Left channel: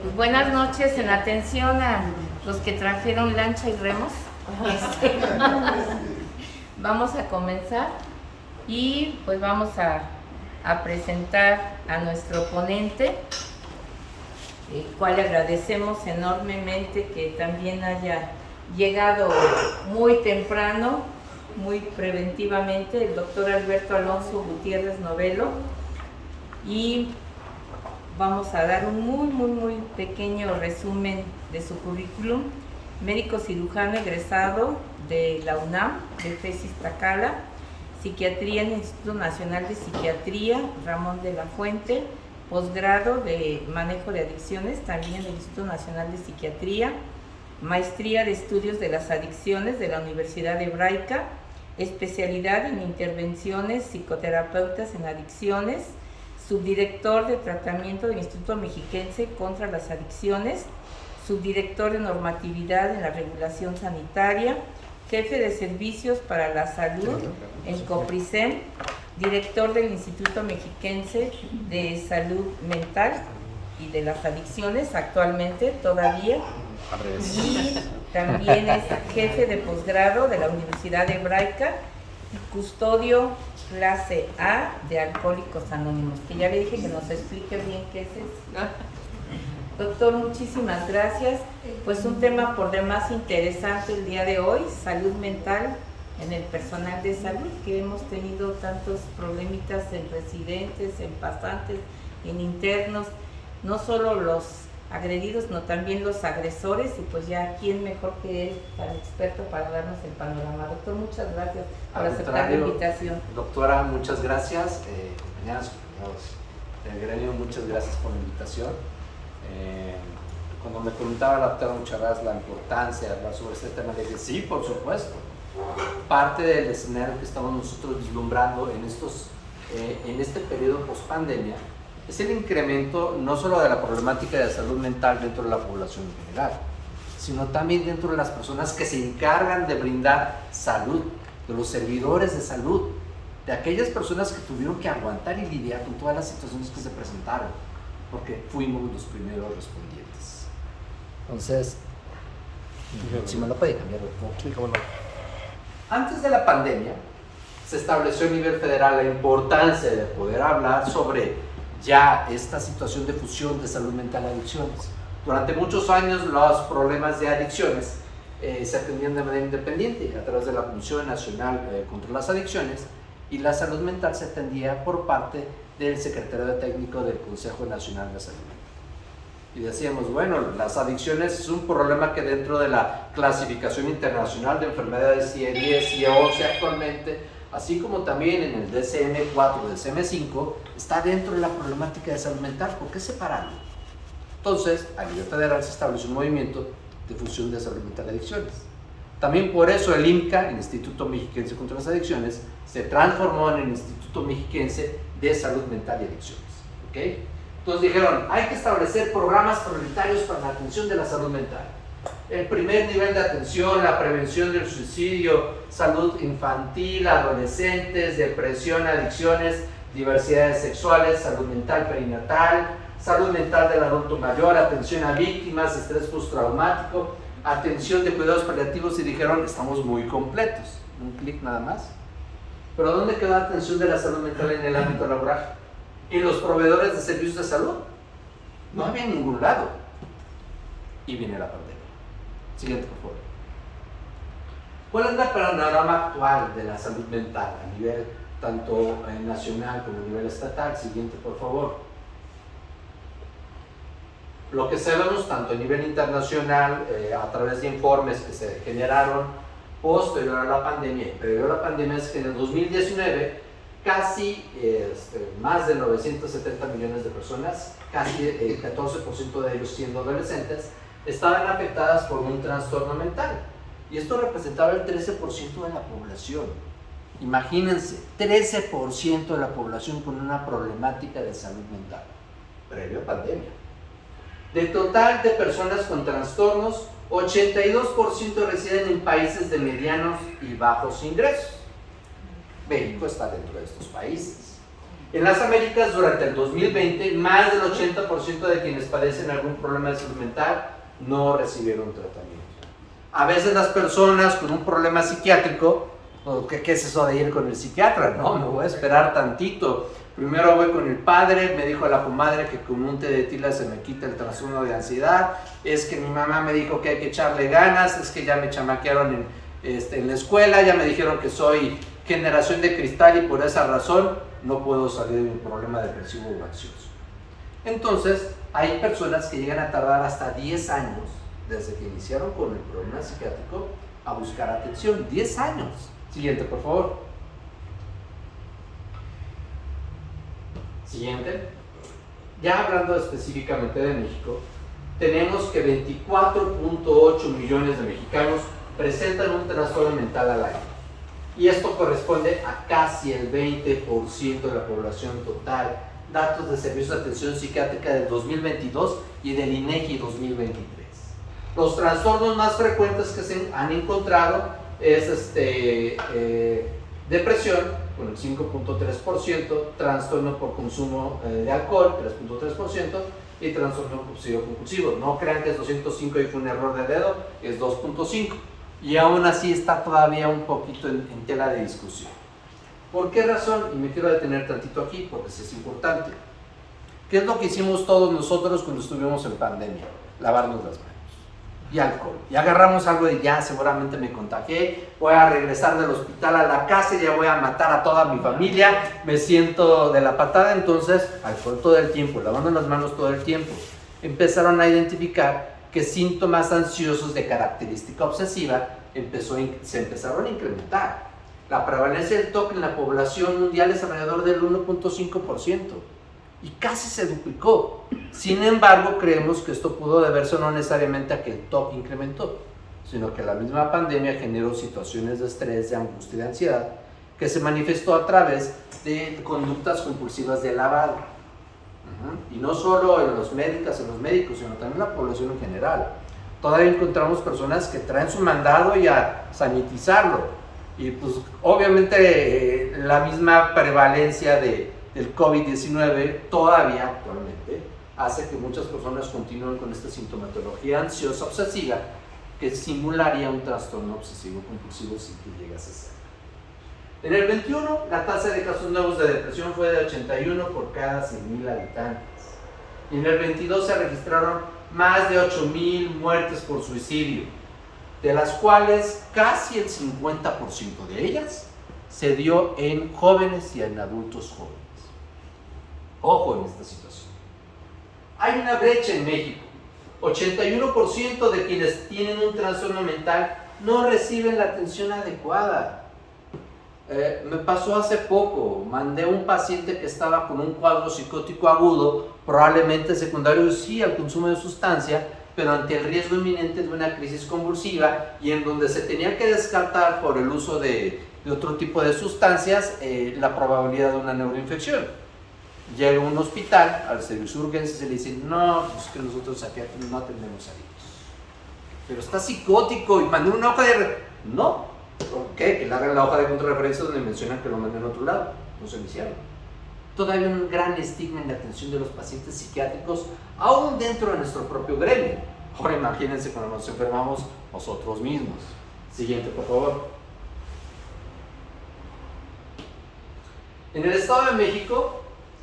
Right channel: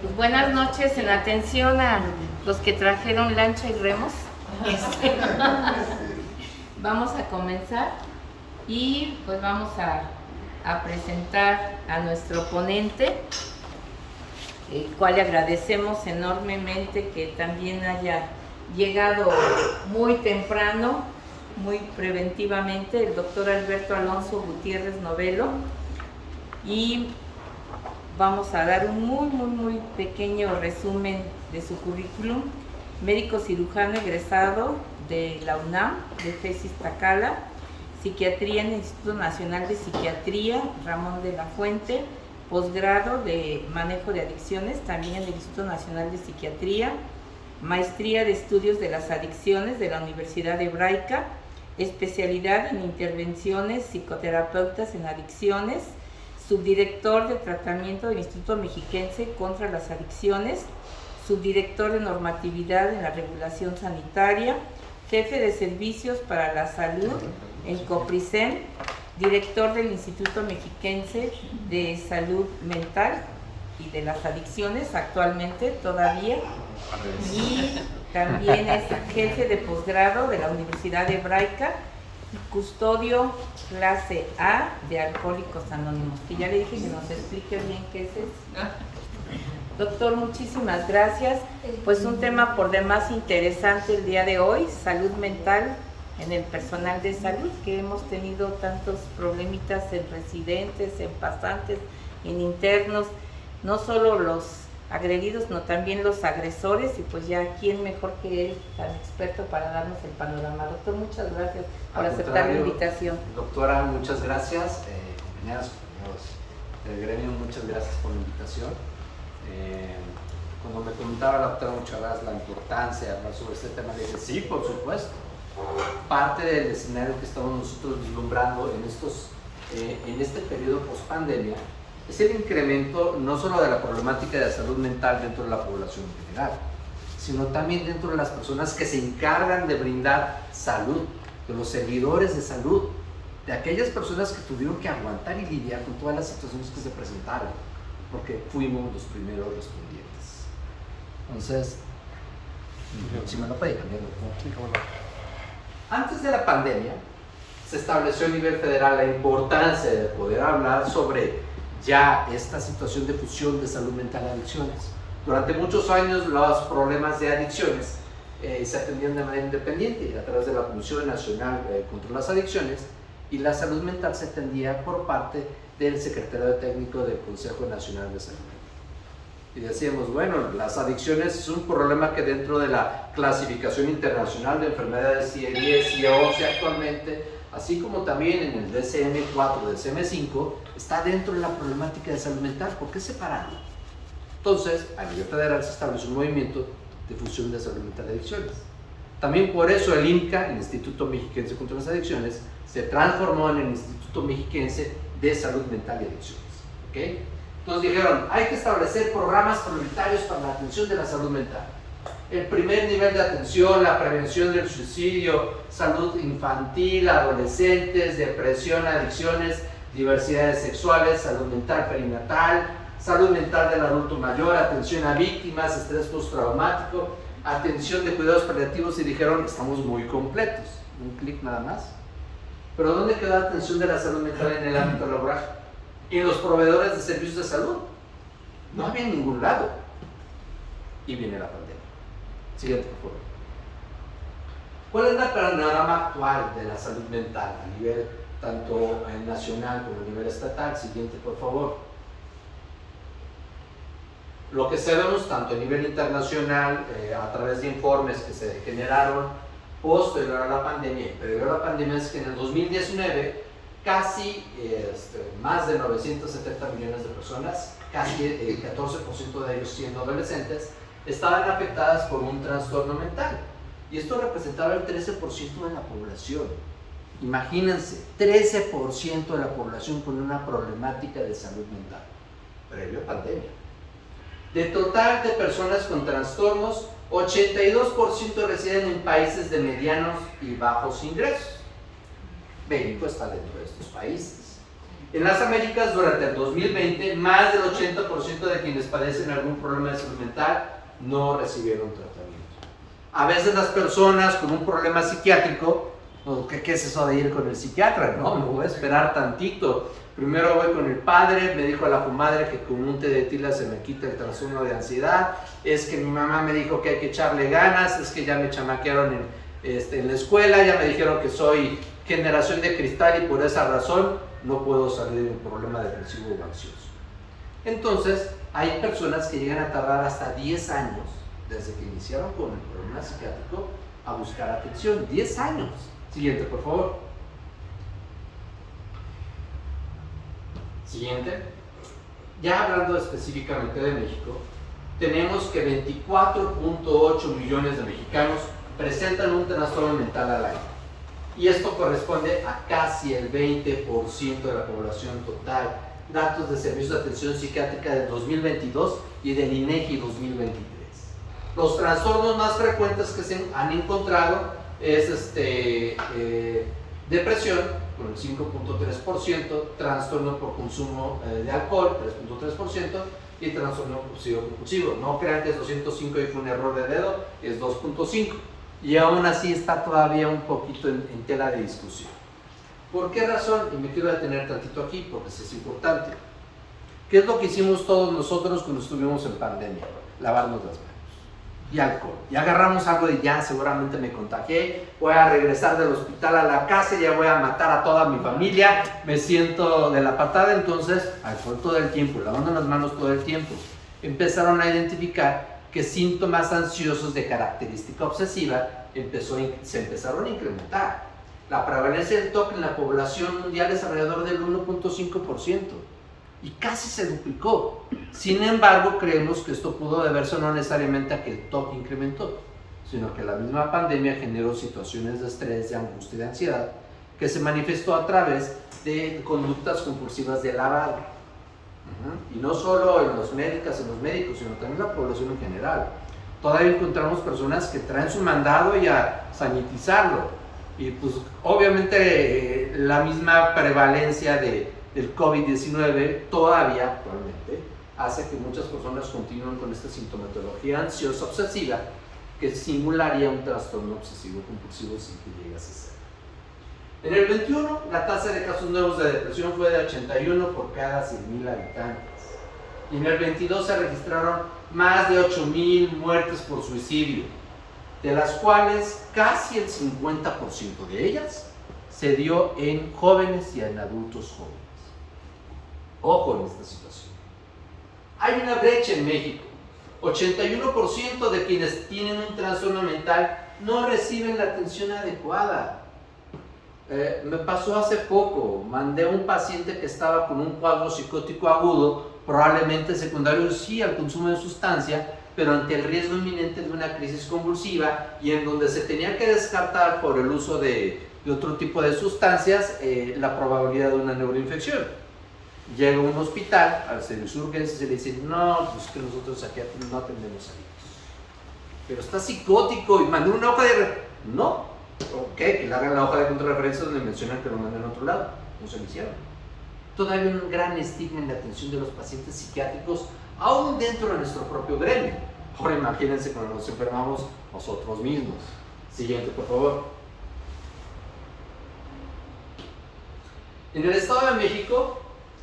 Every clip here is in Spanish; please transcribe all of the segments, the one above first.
Pues buenas noches, en atención a los que trajeron lancha y remos. Vamos a comenzar y pues vamos a presentar a nuestro ponente, el cual le agradecemos enormemente que también haya llegado muy temprano, muy preventivamente, el doctor Alberto Alonso Gutiérrez Novelo. Y vamos a dar un muy pequeño resumen de su currículum. Médico cirujano egresado de la UNAM, de FES Iztacala, psiquiatría en el Instituto Nacional de Psiquiatría Ramón de la Fuente, posgrado de manejo de adicciones también en el Instituto Nacional de Psiquiatría, maestría de estudios de las adicciones de la Universidad Hebraica, especialidad en intervenciones psicoterapeutas en adicciones, subdirector de tratamiento del Instituto Mexiquense contra las Adicciones, subdirector de normatividad en la regulación sanitaria, jefe de servicios para la salud en COPRISEM, director del Instituto Mexiquense de Salud Mental y de las Adicciones actualmente todavía, y también es jefe de posgrado de la Universidad Hebraica y custodio clase A de Alcohólicos Anónimos, que ya le dije que nos explique bien qué es eso. Doctor, muchísimas gracias. Pues un tema por demás interesante el día de hoy, salud mental en el personal de salud, que hemos tenido tantos problemitas en residentes, en pasantes, en internos, no solo los agredidos, sino también los agresores, y pues ya quién mejor que él, tan experto, para darnos el panorama. Doctor, muchas gracias por aceptar la invitación. Doctora, muchas gracias. Compañeras del gremio, muchas gracias por la invitación. Cuando me preguntaba la doctora Mucharaz la importancia de hablar sobre este tema, le dije, sí, por supuesto. Parte del escenario que estamos nosotros vislumbrando en este periodo post-pandemia es el incremento no solo de la problemática de la salud mental dentro de la población en general, sino también dentro de las personas que se encargan de brindar salud, de los servidores de salud, de aquellas personas que tuvieron que aguantar y lidiar con todas las situaciones que se presentaron, porque fuimos los primeros respondientes. Entonces, si me lo puede cambiar, doctor. Antes de la pandemia, se estableció a nivel federal la importancia de poder hablar sobre ya esta situación de fusión de salud mental y adicciones. Durante muchos años los problemas de adicciones se atendían de manera independiente a través de la Comisión Nacional contra las Adicciones, y la salud mental se atendía por parte del secretario técnico del Consejo Nacional de Salud. Y decíamos, bueno, las adicciones es un problema que dentro de la clasificación internacional de enfermedades CIE-10 y CIE-11 actualmente, así como también en el DSM-4, DSM-5, está dentro de la problemática de salud mental. ¿Por qué separarlo? Entonces, a nivel federal se estableció un movimiento de fusión de salud mental y adicciones. También por eso el IMCA, el Instituto Mexiquense contra las Adicciones, se transformó en el Instituto Mexiquense de Salud Mental y Adicciones. ¿Okay? Entonces dijeron, hay que establecer programas prioritarios para la atención de la salud mental. El primer nivel de atención, la prevención del suicidio, salud infantil, adolescentes, depresión, adicciones, diversidades sexuales, salud mental perinatal, salud mental del adulto mayor, atención a víctimas, estrés postraumático, atención de cuidados paliativos, y dijeron, estamos muy completos. Un clic nada más. Pero ¿dónde quedó la atención de la salud mental en el ámbito laboral? ¿En los proveedores de servicios de salud? No había en ningún lado. Y viene la pandemia. Siguiente, por favor. ¿Cuál es el panorama actual de la salud mental a nivel tanto nacional como a nivel estatal? Siguiente, por favor. Lo que sabemos tanto a nivel internacional, a través de informes que se generaron posterior a la pandemia, pero la pandemia, es que en el 2019 casi más de 970 millones de personas, casi el 14% de ellos siendo adolescentes, estaban afectadas por un trastorno mental, y esto representaba el 13% de la población. Imagínense, 13% de la población con una problemática de salud mental previo a pandemia. Del total de personas con trastornos, 82% residen en países de medianos y bajos ingresos. México está dentro de estos países. En las Américas, durante el 2020, más del 80% de quienes padecen algún problema de salud mental no recibieron tratamiento. A veces las personas con un problema psiquiátrico, ¿qué es eso de ir con el psiquiatra? No, me voy a esperar tantito. Primero voy con el padre, me dijo la comadre que con un té de tila se me quita el trastorno de ansiedad, es que mi mamá me dijo que hay que echarle ganas, es que ya me chamaquearon en la escuela, ya me dijeron que soy generación de cristal y por esa razón no puedo salir de un problema depresivo o ansioso. Entonces, hay personas que llegan a tardar hasta 10 años desde que iniciaron con el problema psiquiátrico a buscar atención. 10 años. Siguiente, por favor. Siguiente. Ya hablando específicamente de México, tenemos que 24.8 millones de mexicanos presentan un trastorno mental al año. Y esto corresponde a casi el 20% de la población total. Datos de Servicios de Atención Psiquiátrica del 2022 y del INEGI 2023. Los trastornos más frecuentes que se han encontrado es depresión, con el 5.3%, trastorno por consumo de alcohol, 3.3%, y trastorno obsesivo-compulsivo. No crean que es 205 y fue un error de dedo, es 2.5. Y aún así está todavía un poquito en tela de discusión. ¿Por qué razón? Y me quiero detener tantito aquí porque eso es importante. ¿Qué es lo que hicimos todos nosotros cuando estuvimos en pandemia? Lavarnos las manos y alcohol. Y agarramos algo de ya, seguramente me contagié, voy a regresar del hospital a la casa, ya voy a matar a toda mi familia, me siento de la patada, entonces alcohol todo el tiempo, lavando las manos todo el tiempo. Empezaron a identificar que síntomas ansiosos de característica obsesiva se empezaron a incrementar. La prevalencia del TOC en la población mundial es alrededor del 1.5% y casi se duplicó. Sin embargo, creemos que esto pudo deberse no necesariamente a que el TOC incrementó, sino que la misma pandemia generó situaciones de estrés, de angustia y de ansiedad que se manifestó a través de conductas compulsivas de lavado. Y no solo en los médicos, sino también en la población en general. Todavía encontramos personas que traen su mandado y a sanitizarlo. Y pues obviamente la misma prevalencia del COVID-19 todavía actualmente hace que muchas personas continúen con esta sintomatología ansiosa obsesiva que simularía un trastorno obsesivo compulsivo sin que llegue a ser. En el 21, la tasa de casos nuevos de depresión fue de 81 por cada 100,000 habitantes. Y en el 22 se registraron más de 8,000 muertes por suicidio, de las cuales casi el 50% de ellas se dio en jóvenes y en adultos jóvenes. Ojo en esta situación. Hay una brecha en México. 81% de quienes tienen un trastorno mental no reciben la atención adecuada. Me pasó hace poco, mandé a un paciente que estaba con un cuadro psicótico agudo, probablemente secundario sí al consumo de sustancia, pero ante el riesgo inminente de una crisis convulsiva y en donde se tenía que descartar por el uso de otro tipo de sustancias la probabilidad de una neuroinfección. Llega a un hospital, al servicio de urgencias y le dicen, no, pues que nosotros aquí no atendemos adictos. Pero está psicótico y mandé una hoja de... No. ¿Por qué? Que le hagan la hoja de contrarreferencia donde mencionan que lo mandan a otro lado. No se lo hicieron. Todavía hay un gran estigma en la atención de los pacientes psiquiátricos, aún dentro de nuestro propio gremio. Ahora imagínense cuando nos enfermamos nosotros mismos. Siguiente, por favor. En el Estado de México,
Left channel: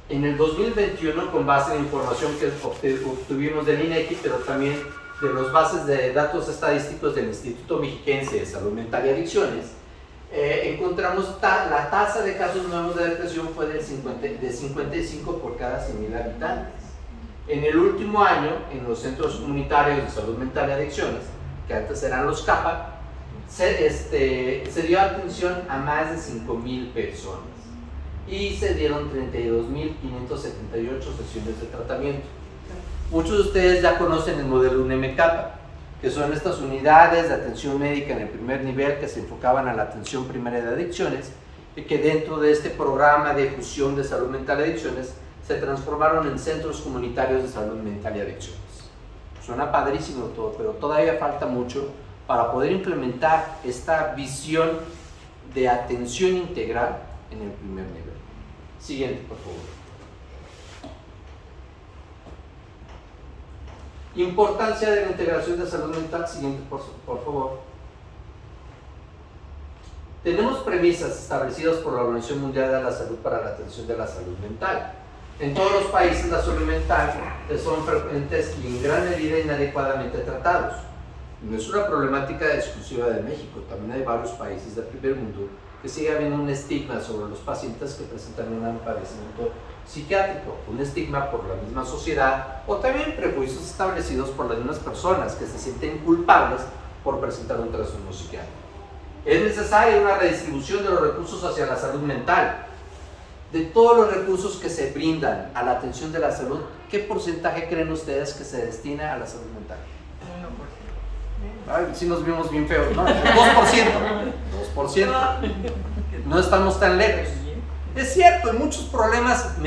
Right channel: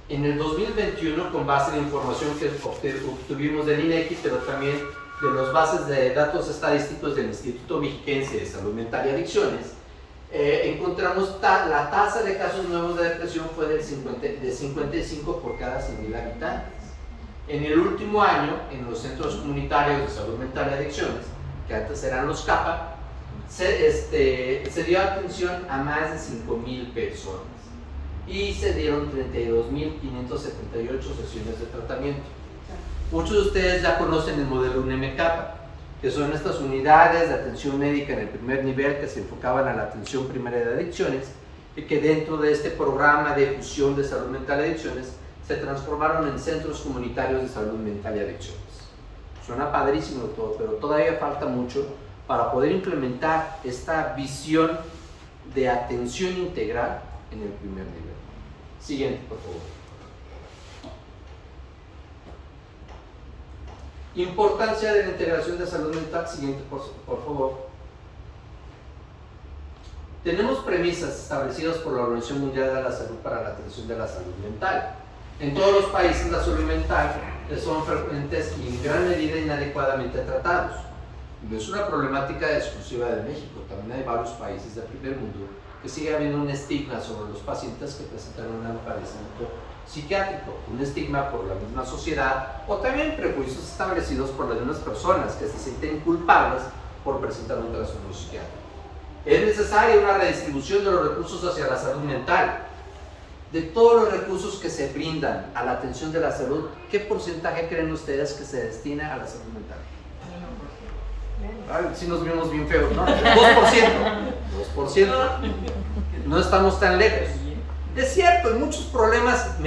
en el 2021, con base en información que obtuvimos del INEGI, pero también de las bases de datos estadísticos del Instituto Mexiquense de Salud Mental y Adicciones, encontramos la tasa de casos nuevos de depresión fue de 55 por cada 100,000 habitantes. En el último año, en los centros comunitarios de salud mental y adicciones, que antes eran los CAPA, se dio atención a más de 5,000 personas y se dieron 32,578 sesiones de tratamiento. Muchos de ustedes ya conocen el modelo UNEM-CAPA, que son estas unidades de atención médica en el primer nivel que se enfocaban a la atención primaria de adicciones y que dentro de este programa de fusión de salud mental y adicciones se transformaron en centros comunitarios de salud mental y adicciones. Suena padrísimo todo, pero todavía falta mucho para poder implementar esta visión de atención integral en el primer nivel. Siguiente, por favor. Importancia de la integración de salud mental. Siguiente, por favor. Tenemos premisas establecidas por la Organización Mundial de la Salud para la atención de la salud mental. En todos los países la salud mental son frecuentes y en gran medida inadecuadamente tratados. No es una problemática exclusiva de México, también hay varios países del primer mundo que sigue habiendo un estigma sobre los pacientes que presentan un padecimiento psiquiátrico, un estigma por la misma sociedad o también prejuicios establecidos por las mismas personas que se sienten culpables por presentar un trastorno psiquiátrico. Es necesaria una redistribución de los recursos hacia la salud mental. De todos los recursos que se brindan a la atención de la salud, ¿qué porcentaje creen ustedes que se destina a la salud mental? 1%. Si nos vimos bien feos, ¿no? 2%. 2%. No estamos tan lejos. Es cierto, hay muchos problemas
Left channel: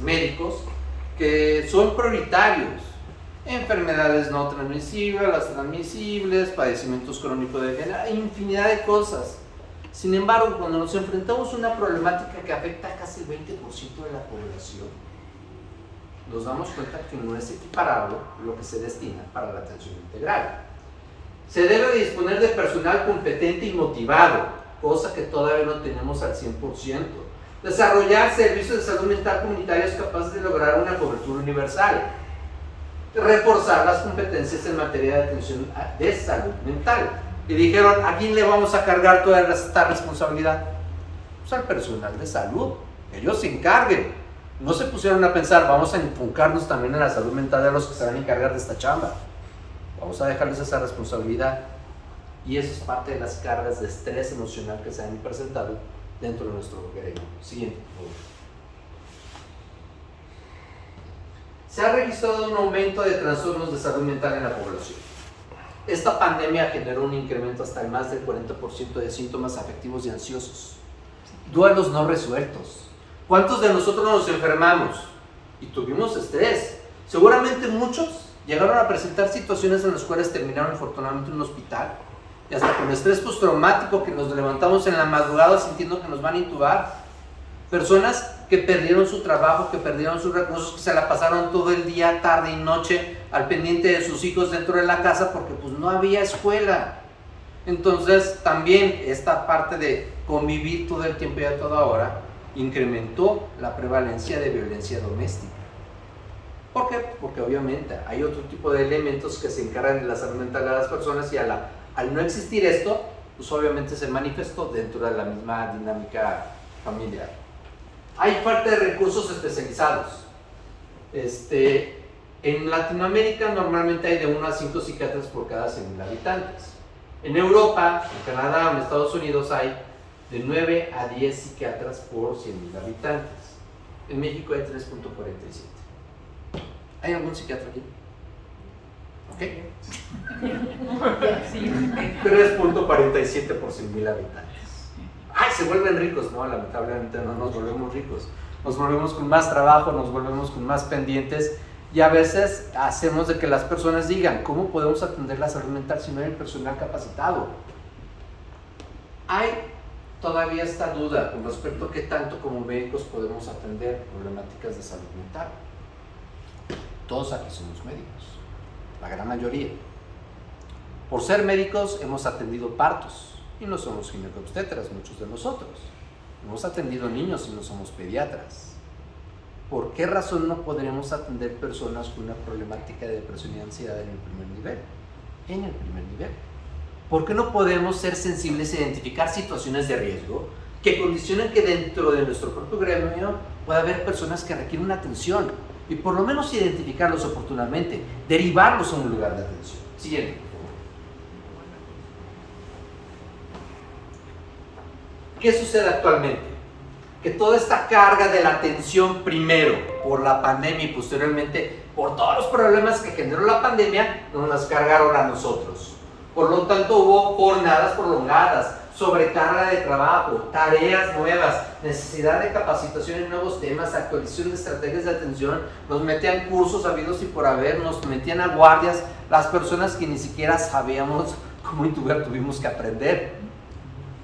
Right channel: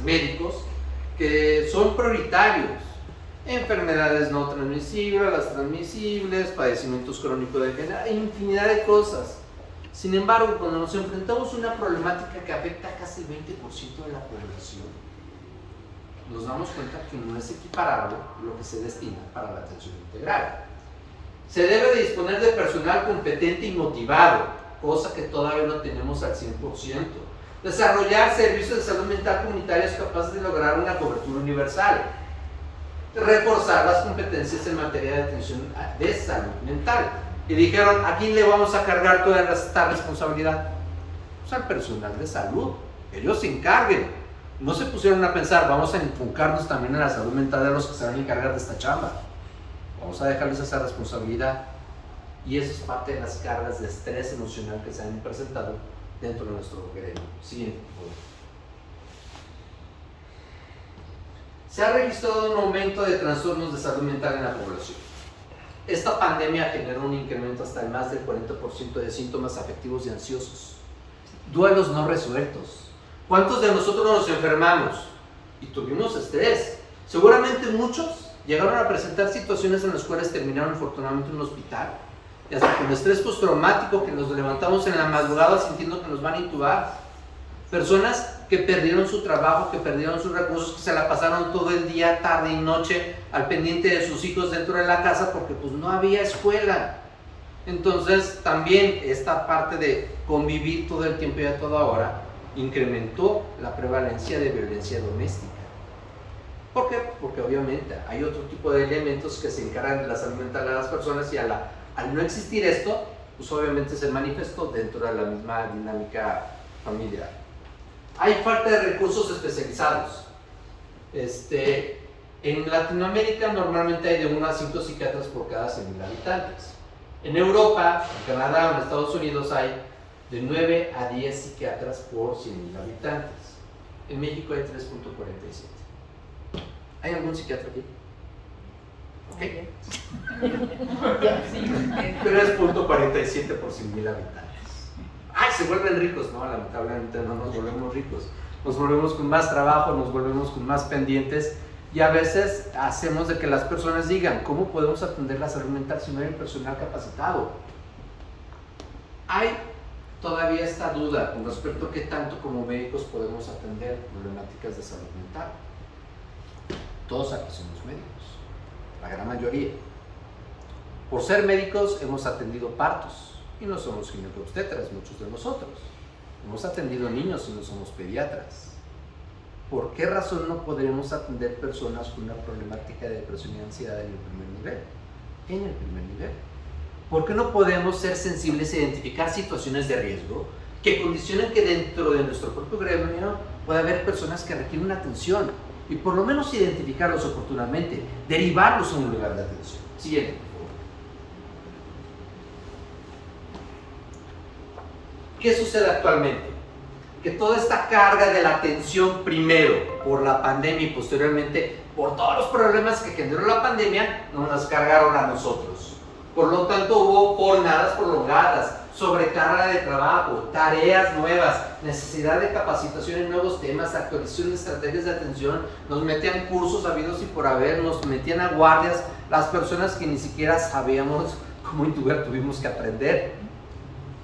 médicos que son prioritarios. Enfermedades no transmisibles, las transmisibles, padecimientos crónicos de enfermedad, infinidad de cosas. Sin embargo, cuando nos enfrentamos a una problemática que afecta a casi el 20% de la población, nos damos cuenta que no es equiparable lo que se destina para la atención integral. Se debe de disponer de personal competente y motivado, cosa que todavía no tenemos al 100%. Desarrollar servicios de salud mental comunitarios capaces de lograr una cobertura universal. Reforzar las competencias en materia de atención de salud mental. Y dijeron, ¿a quién le vamos a cargar toda esta responsabilidad? Pues al personal de salud, ellos se encarguen. No se pusieron a pensar, vamos a enfocarnos también en la salud mental de los que se van a encargar de esta chamba. Vamos a dejarles esa responsabilidad. Y eso es parte de las cargas de estrés emocional que se han presentado dentro de nuestro gremio. Siguiente. Se ha registrado un aumento de trastornos de salud mental en la población. Esta pandemia generó un incremento hasta el más del 40% de síntomas afectivos y ansiosos. Duelos no resueltos. ¿Cuántos de nosotros nos enfermamos y tuvimos estrés? Seguramente muchos llegaron a presentar situaciones en las cuales terminaron afortunadamente en un hospital. Y hasta con estrés postraumático que nos levantamos en la madrugada sintiendo que nos van a intubar. Personas que perdieron su trabajo, que perdieron sus recursos, que se la pasaron todo el día, tarde y noche al pendiente de sus hijos dentro de la casa porque pues no había escuela. Entonces también esta parte de convivir todo el tiempo y a toda hora incrementó la prevalencia de violencia doméstica. ¿Por qué? Porque obviamente hay otro tipo de elementos que se encargan de la salud mental de las personas y al no existir esto, pues obviamente se manifestó dentro de la misma dinámica familiar. Hay falta de recursos especializados. En Latinoamérica normalmente hay de 1 a 5 psiquiatras por cada 100.000 habitantes. En Europa, en Canadá o en Estados Unidos hay de 9 a 10 psiquiatras por 100.000 habitantes. En México hay 3.47. ¿Hay algún psiquiatra aquí? ¿Ok? 3.47 por 100.000 habitantes. ¡Ay, se vuelven ricos! No, lamentablemente no nos volvemos ricos. Nos volvemos con más trabajo, nos volvemos con más pendientes y a veces hacemos de que las personas digan, ¿cómo podemos atender la salud mental si no hay el personal capacitado? Hay todavía esta duda con respecto a qué tanto como médicos podemos atender problemáticas de salud mental. Todos aquí somos médicos, la gran mayoría. Por ser médicos hemos atendido partos y no somos ginecobstetras, muchos de nosotros. Hemos atendido niños y no somos pediatras. ¿Por qué razón no podremos atender personas con una problemática de depresión y ansiedad en el primer nivel? En el primer nivel. ¿Por qué no podemos ser sensibles e identificar situaciones de riesgo que condicionan que dentro de nuestro propio gremio pueda haber personas que requieren una atención y por lo menos identificarlos oportunamente, derivarlos a un lugar de atención? Siguiente. ¿Qué sucede actualmente? Que toda esta carga de la atención primero por la pandemia y posteriormente por todos los problemas que generó la pandemia nos las cargaron a nosotros. Por lo tanto hubo jornadas prolongadas, sobrecarga de trabajo, tareas nuevas, necesidad de capacitación en nuevos temas, actualización de estrategias de atención, nos metían cursos habidos y por haber, nos metían a guardias, las personas que ni siquiera sabíamos cómo intubar tuvimos que aprender.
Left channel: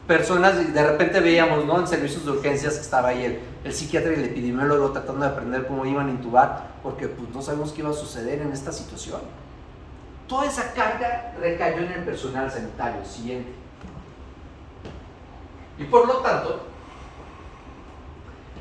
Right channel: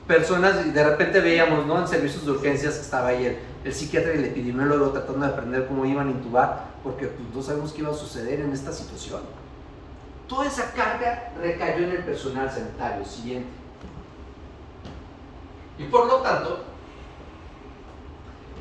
personas, y de repente veíamos, ¿no?, en servicios de urgencias que estaba ahí el psiquiatra y el epidemiólogo tratando de aprender cómo iban a intubar, porque pues no sabemos qué iba a suceder en esta situación. Toda esa carga recayó en el personal sanitario. Siguiente. Y por lo tanto,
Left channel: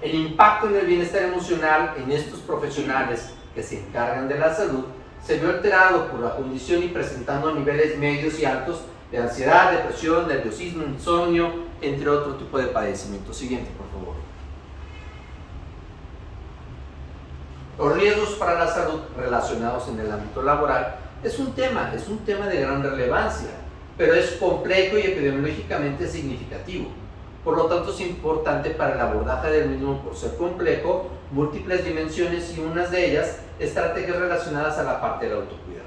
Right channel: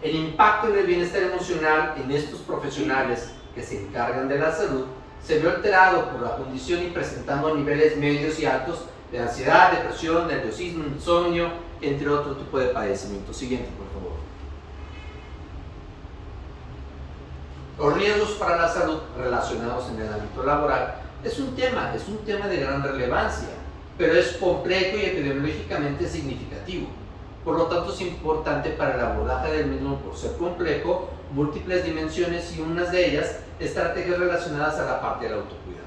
el impacto en el bienestar emocional en estos profesionales que se encargan de la salud se vio alterado por la condición y presentando niveles medios y altos de ansiedad, depresión, nerviosismo, insomnio, entre otro tipo de padecimientos. Siguiente, por favor. Los riesgos para la salud relacionados en el ámbito laboral es un tema de gran relevancia, pero es complejo y epidemiológicamente significativo. Por lo tanto, es importante para el abordaje del mismo por ser complejo, múltiples dimensiones y unas de ellas estrategias relacionadas a la parte del autocuidado.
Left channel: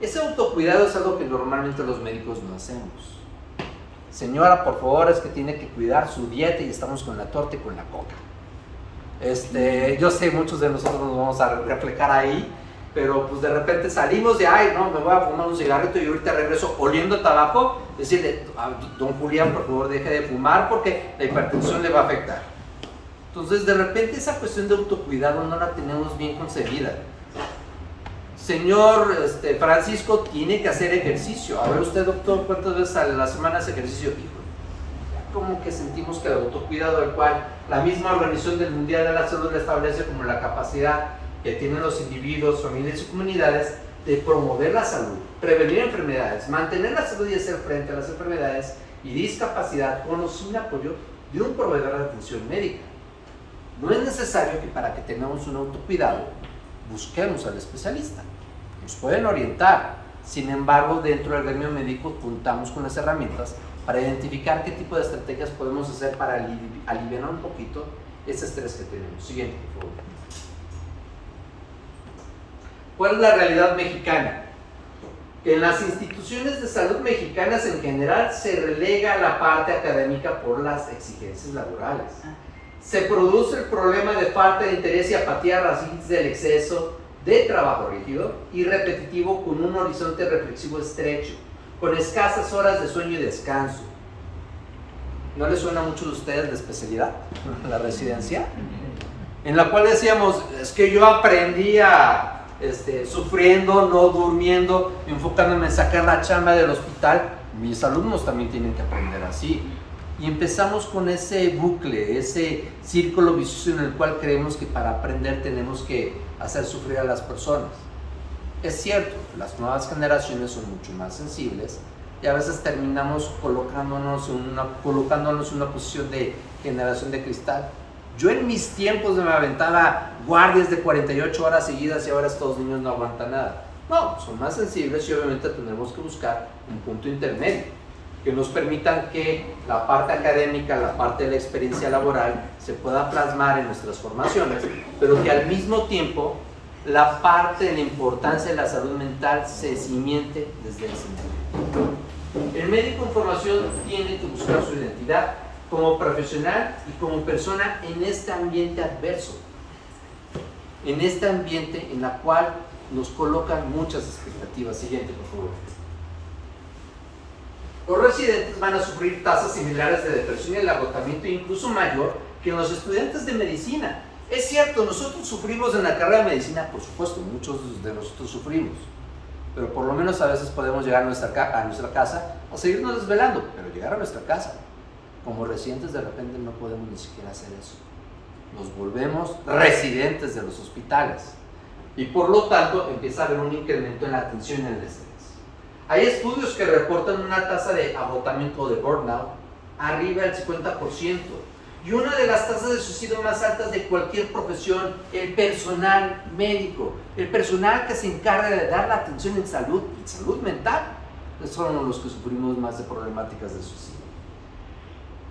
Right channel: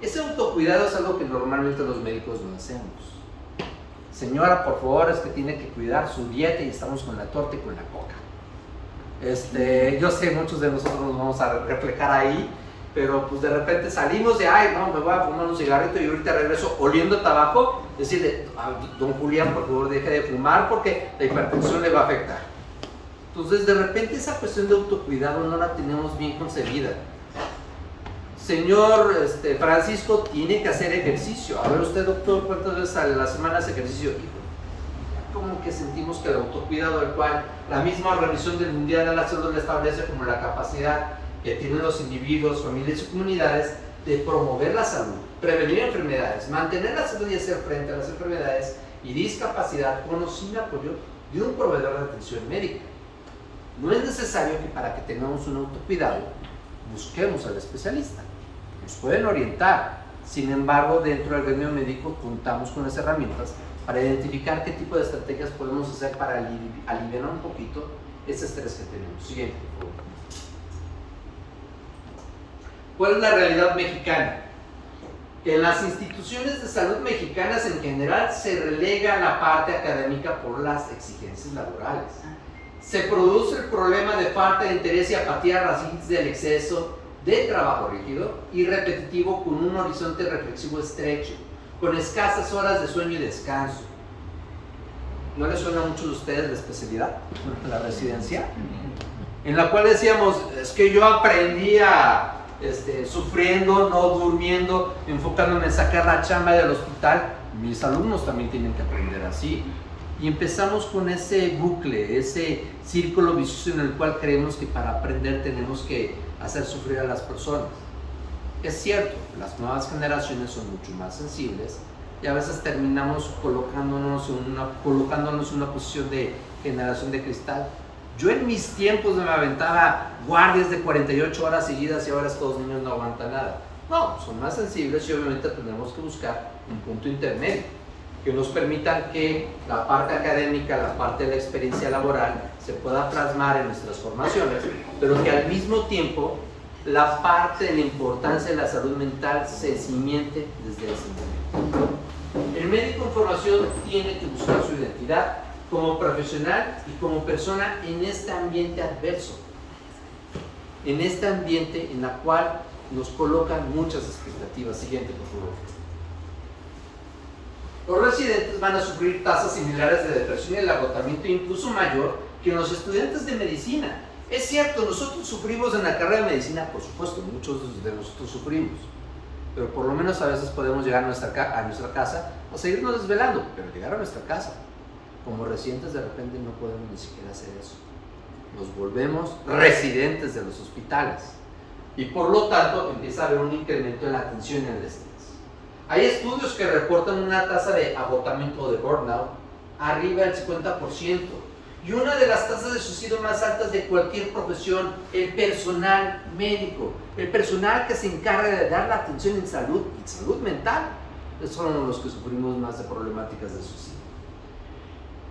Ese autocuidado es algo que normalmente los médicos no hacemos. Señora, por favor, es que tiene que cuidar su dieta y estamos con la torta y con la coca. Yo sé, muchos de nosotros nos vamos a reflejar ahí, pero pues de repente salimos de, ay, no, me voy a fumar un cigarrito y ahorita regreso oliendo tabaco, decirle, don Julián, por favor, deje de fumar porque la hipertensión le va a afectar. Entonces, de repente esa cuestión de autocuidado no la tenemos bien concebida. Señor Francisco, tiene que hacer ejercicio. A ver usted, doctor, ¿cuántas veces a la semana hace ejercicio? Como que sentimos que el autocuidado, el cual la misma Organización Mundial de la Salud le establece como la capacidad que tienen los individuos, familias y comunidades de promover la salud, prevenir enfermedades, mantener la salud y hacer frente a las enfermedades y discapacidad con o sin apoyo de un proveedor de atención médica. No es necesario que para que tengamos un autocuidado busquemos al especialista. Nos pueden orientar. Sin embargo, dentro del gremio médico contamos con las herramientas para identificar qué tipo de estrategias podemos hacer para aliviar un poquito ese estrés que tenemos. Siguiente, por favor. ¿Cuál es la realidad mexicana? Que en las instituciones de salud mexicanas en general se relega la parte académica por las exigencias laborales. Se produce el problema de falta de interés y apatía a raíz del exceso de trabajo rígido y repetitivo con un horizonte reflexivo estrecho, con escasas horas de sueño y descanso. ¿No les suena a muchos de ustedes la especialidad, la residencia? En la cual decíamos, es que yo aprendí sufriendo, no durmiendo, enfocándome en sacar la chamba del hospital. Mis alumnos también tienen que aprender así. Y empezamos con ese bucle, ese círculo vicioso en el cual creemos que para aprender tenemos que hacer sufrir a las personas. Es cierto, las nuevas generaciones son mucho más sensibles y a veces terminamos colocándonos en una posición de generación de cristal. Yo en mis tiempos me aventaba guardias de 48 horas seguidas y ahora estos niños no aguantan nada. No, son más sensibles y obviamente tenemos que buscar un punto intermedio que nos permitan que la parte académica, la parte de la experiencia laboral se pueda plasmar en nuestras formaciones, pero que al mismo tiempo la parte de la importancia de la salud mental se cimiente desde ese momento. El médico en formación tiene que buscar su identidad como profesional y como persona en este ambiente adverso, en este ambiente en la cual nos colocan muchas expectativas. Siguiente, por favor. Los residentes van a sufrir tasas similares de depresión y el agotamiento incluso mayor que los estudiantes de medicina. Es cierto, nosotros sufrimos en la carrera de medicina, por supuesto, muchos de nosotros sufrimos, pero por lo menos a veces podemos llegar a nuestra casa a seguirnos desvelando, pero llegar a nuestra casa. Como residentes de repente no podemos ni siquiera hacer eso. Nos volvemos residentes de los hospitales y por lo tanto empieza a haber un incremento en la atención y en el estrés. Hay estudios que reportan una tasa de agotamiento de burnout arriba del 50% y una de las tasas de suicidio más altas de cualquier profesión, el personal médico, el personal que se encarga de dar la atención en salud y salud mental, son los que sufrimos más de problemáticas de suicidio.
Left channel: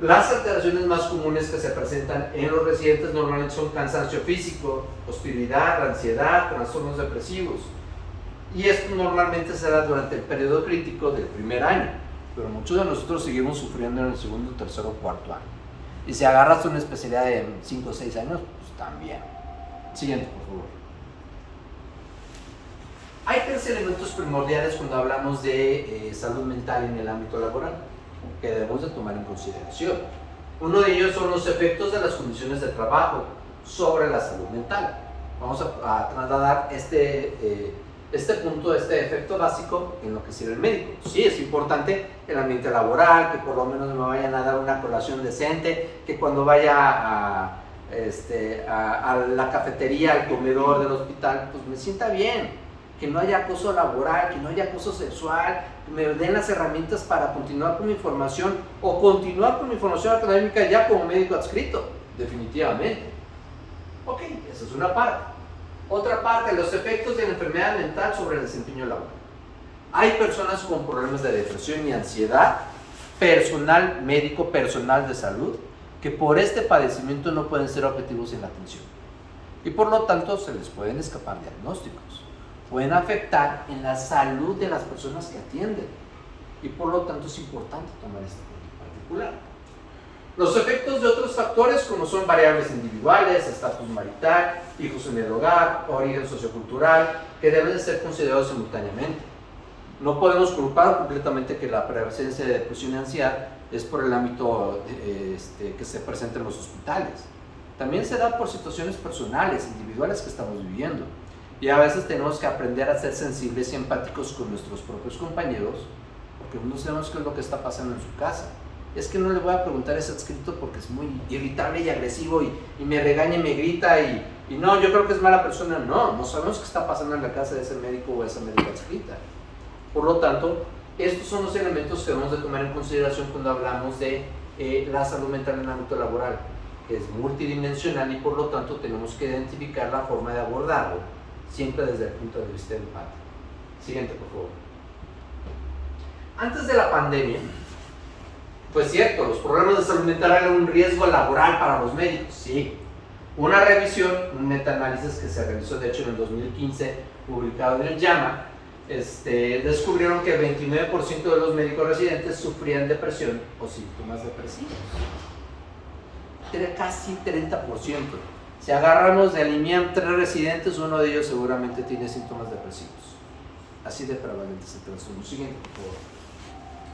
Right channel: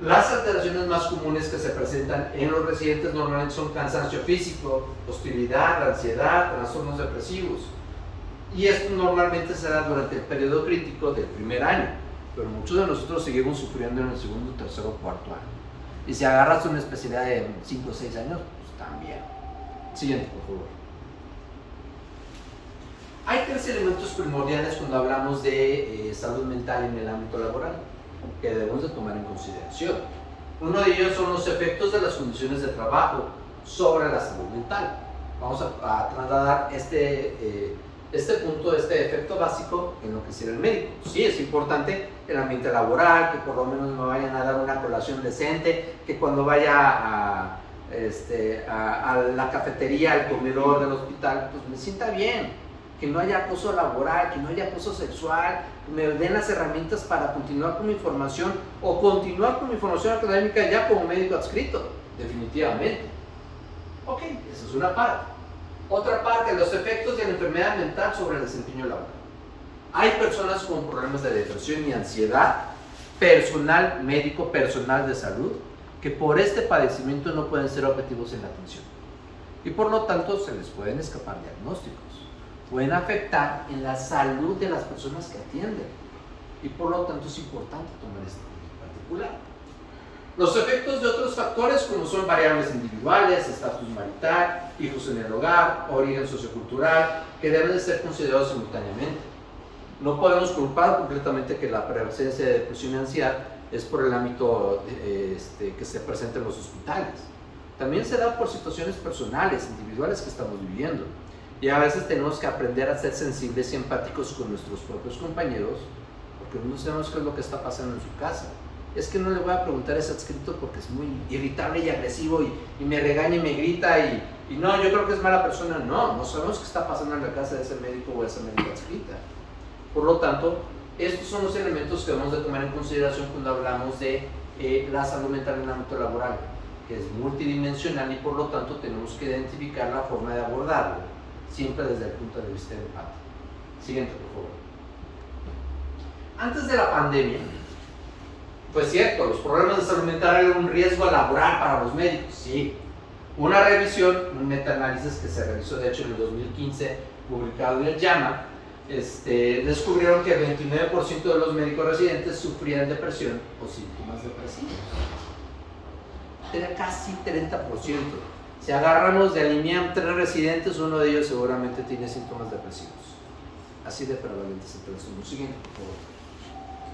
Las alteraciones más comunes que se presentan en los residentes normalmente son cansancio físico, hostilidad, ansiedad, trastornos depresivos. Y esto normalmente se da durante el periodo crítico del primer año, pero muchos de nosotros seguimos sufriendo en el segundo, tercero o cuarto año. Y si agarras una especialidad de 5 o 6 años, pues también. Siguiente, por favor. Hay 3 elementos primordiales cuando hablamos de salud mental en el ámbito laboral. que debemos de tomar en consideración. Uno de ellos son los efectos de las condiciones de trabajo sobre la salud mental. Vamos a trasladar este punto, este efecto básico en lo que sirve el médico. Sí, es importante el ambiente laboral, que por lo menos me vayan a dar una colación decente, que cuando vaya a la cafetería, al comedor del hospital, pues me sienta bien, que no haya acoso laboral, que no haya acoso sexual, que me den las herramientas para continuar con mi formación o continuar con mi formación académica ya como médico adscrito, definitivamente. Ok, esa es una parte. Otra parte, los efectos de la enfermedad mental sobre el desempeño laboral. Hay personas con problemas de depresión y ansiedad, personal médico, personal de salud, que por este padecimiento no pueden ser objetivos en la atención. Y por lo tanto se les pueden escapar diagnósticos. Pueden afectar en la salud de las personas que atienden. Y por lo tanto es importante tomar este punto en particular. Los efectos de otros factores como son variables individuales, estatus marital, hijos en el hogar, origen sociocultural, que deben de ser considerados simultáneamente. No podemos culpar completamente que la presencia de depresión y ansiedad es por el ámbito que se presenta en los hospitales. También se da por situaciones personales, individuales que estamos viviendo. Y a veces tenemos que aprender a ser sensibles y empáticos con nuestros propios compañeros, porque no sabemos qué es lo que está pasando en su casa. Es que no le voy a preguntar a ese adscrito porque es muy irritable y agresivo y me regaña y me grita y no, yo creo que es mala persona. No sabemos qué está pasando en la casa de ese médico o de esa médica adscrita. Por lo tanto, estos son los elementos que debemos de tomar en consideración cuando hablamos de la salud mental en el ámbito laboral, que es multidimensional y por lo tanto tenemos que identificar la forma de abordarlo, siempre desde el punto de vista empático. Siguiente, por favor. Antes de la pandemia, pues cierto, los problemas de salud mental eran un riesgo laboral para los médicos, sí. Una revisión, un metaanálisis que se realizó de hecho en el 2015, publicado en el JAMA, descubrieron que el 29% de los médicos residentes sufrían depresión o síntomas depresivos. Era casi 30%. Si agarramos de alinear 3 residentes, uno de ellos seguramente tiene síntomas depresivos. Así de prevalentes se transformó. Siguiente,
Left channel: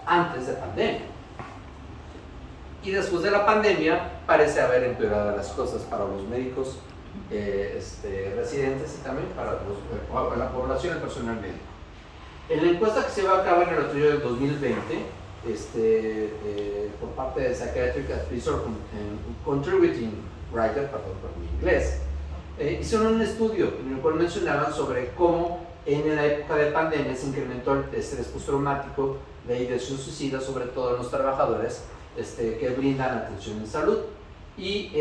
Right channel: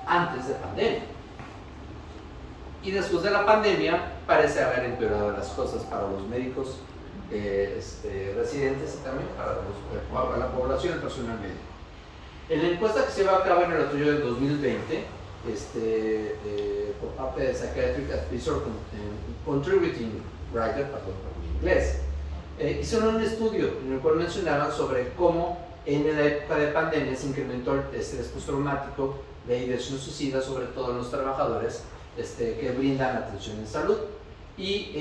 antes de pandemia. Y después de la pandemia parece haber empeorado las cosas para los médicos residentes y también para la población, el personal médico. En la encuesta que se llevó a cabo en el otoño del 2020, por parte de Psychiatric Advisor Contributing Writer, perdón por mi inglés, hicieron un estudio en el cual mencionaban sobre cómo en la época de pandemia se incrementó el estrés postraumático, la ideación suicida, sobre todo en los trabajadores que brindan atención en salud. Y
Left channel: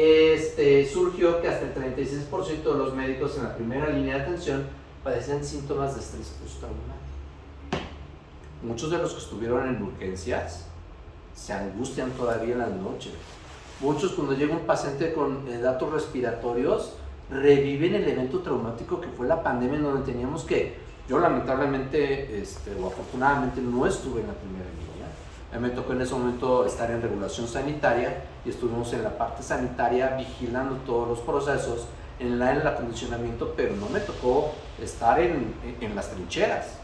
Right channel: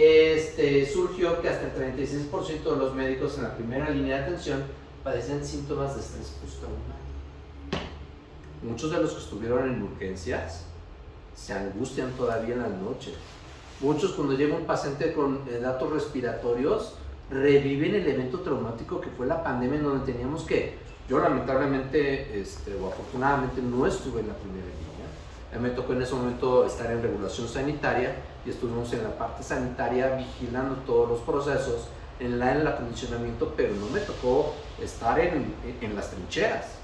surgió que hasta el 36% de los médicos en la primera línea de atención padecían síntomas de estrés postraumático. Muchos de los que estuvieron en urgencias se angustian todavía en las noches. Muchos, cuando llega un paciente con datos respiratorios, reviven el evento traumático que fue la pandemia, en donde teníamos que, yo lamentablemente o afortunadamente no estuve en la primera línea. Me tocó en ese momento estar en regulación sanitaria y estuvimos en la parte sanitaria vigilando todos los procesos en el acondicionamiento, pero no me tocó estar en las trincheras.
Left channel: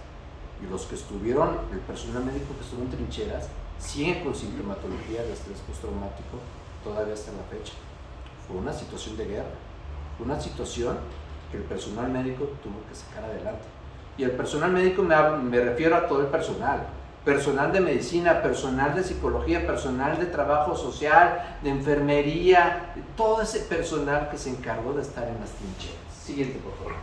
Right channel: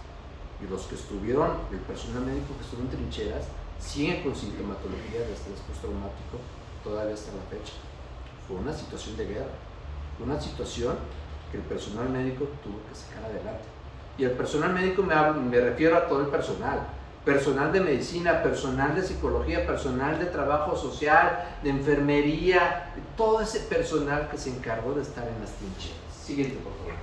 Y los que estuvieron, el personal médico que estuvo en trincheras, siguen con sintomatología de estrés postraumático todavía hasta la fecha. Fue una situación de guerra, fue una situación que el personal médico tuvo que sacar adelante. Y el personal médico me refiero a todo el personal de medicina, personal de psicología, personal de trabajo social, de enfermería, todo ese personal que se encargó de estar en las trincheras. Siguiente, por favor.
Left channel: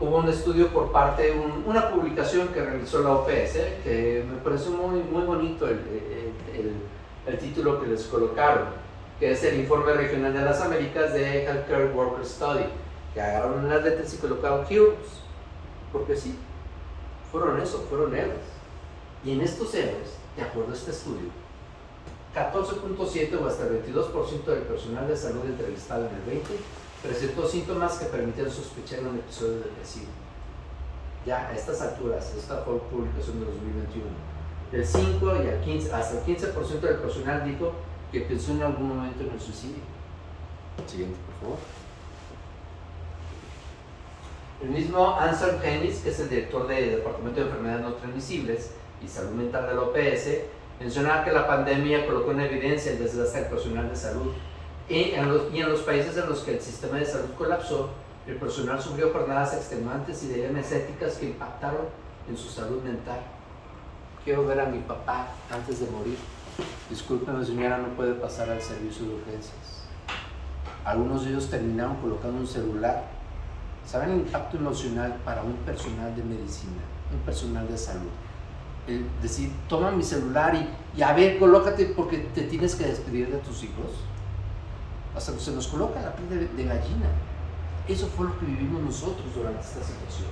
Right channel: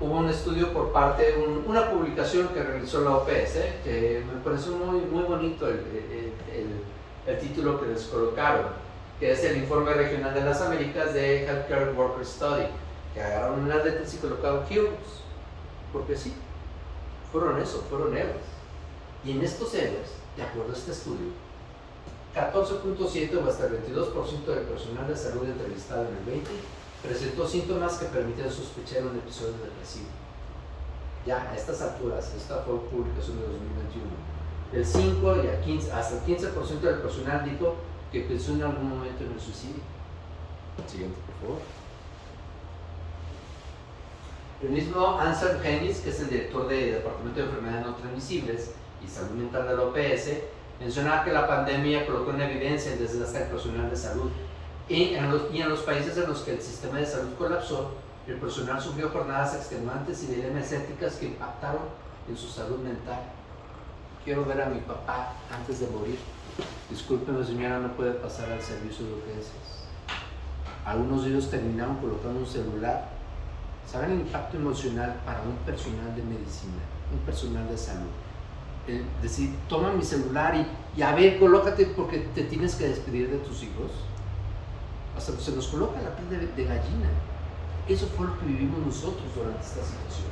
Hubo un estudio por parte, una publicación que realizó la OPS, que me pareció muy bonito el título que les colocaron, que es el Informe Regional de las Américas de Healthcare Worker Study, que agarraron unas letras y colocaron Heroes, porque sí, fueron héroes. Y en estos héroes, de acuerdo a este estudio, 14.7 o hasta el 22% del personal de salud entrevistado en el 20 presentó síntomas que permitían sospechar un episodio depresivo. Ya a estas alturas, esta fue publicación de 2021, del 5 y al 15, hasta el 15% del personal dijo que pensó en algún momento en el suicidio. Siguiente, por favor. El mismo Ansel Hennis, que es el director del Departamento de Enfermedades No Transmisibles y Salud Mental de la OPS, mencionaba que la pandemia colocó en evidencia el desgaste del personal de salud y en los países en los que el sistema de salud colapsó, el personal sufrió jornadas extenuantes y dilemas éticas que impactaron en su salud mental. Quiero ver a mi papá antes de morir. Discúlpeme, señora, no puede pasar al servicio de urgencias. Algunos de ellos terminaron colocando un celular. ¿Saben el impacto emocional para un personal de medicina, un personal de salud? El decir, toma mi celular y a ver, colócate porque te tienes que despedir de tus hijos. Hasta se nos coloca la piel de gallina. Eso fue lo que vivimos nosotros durante esta situación.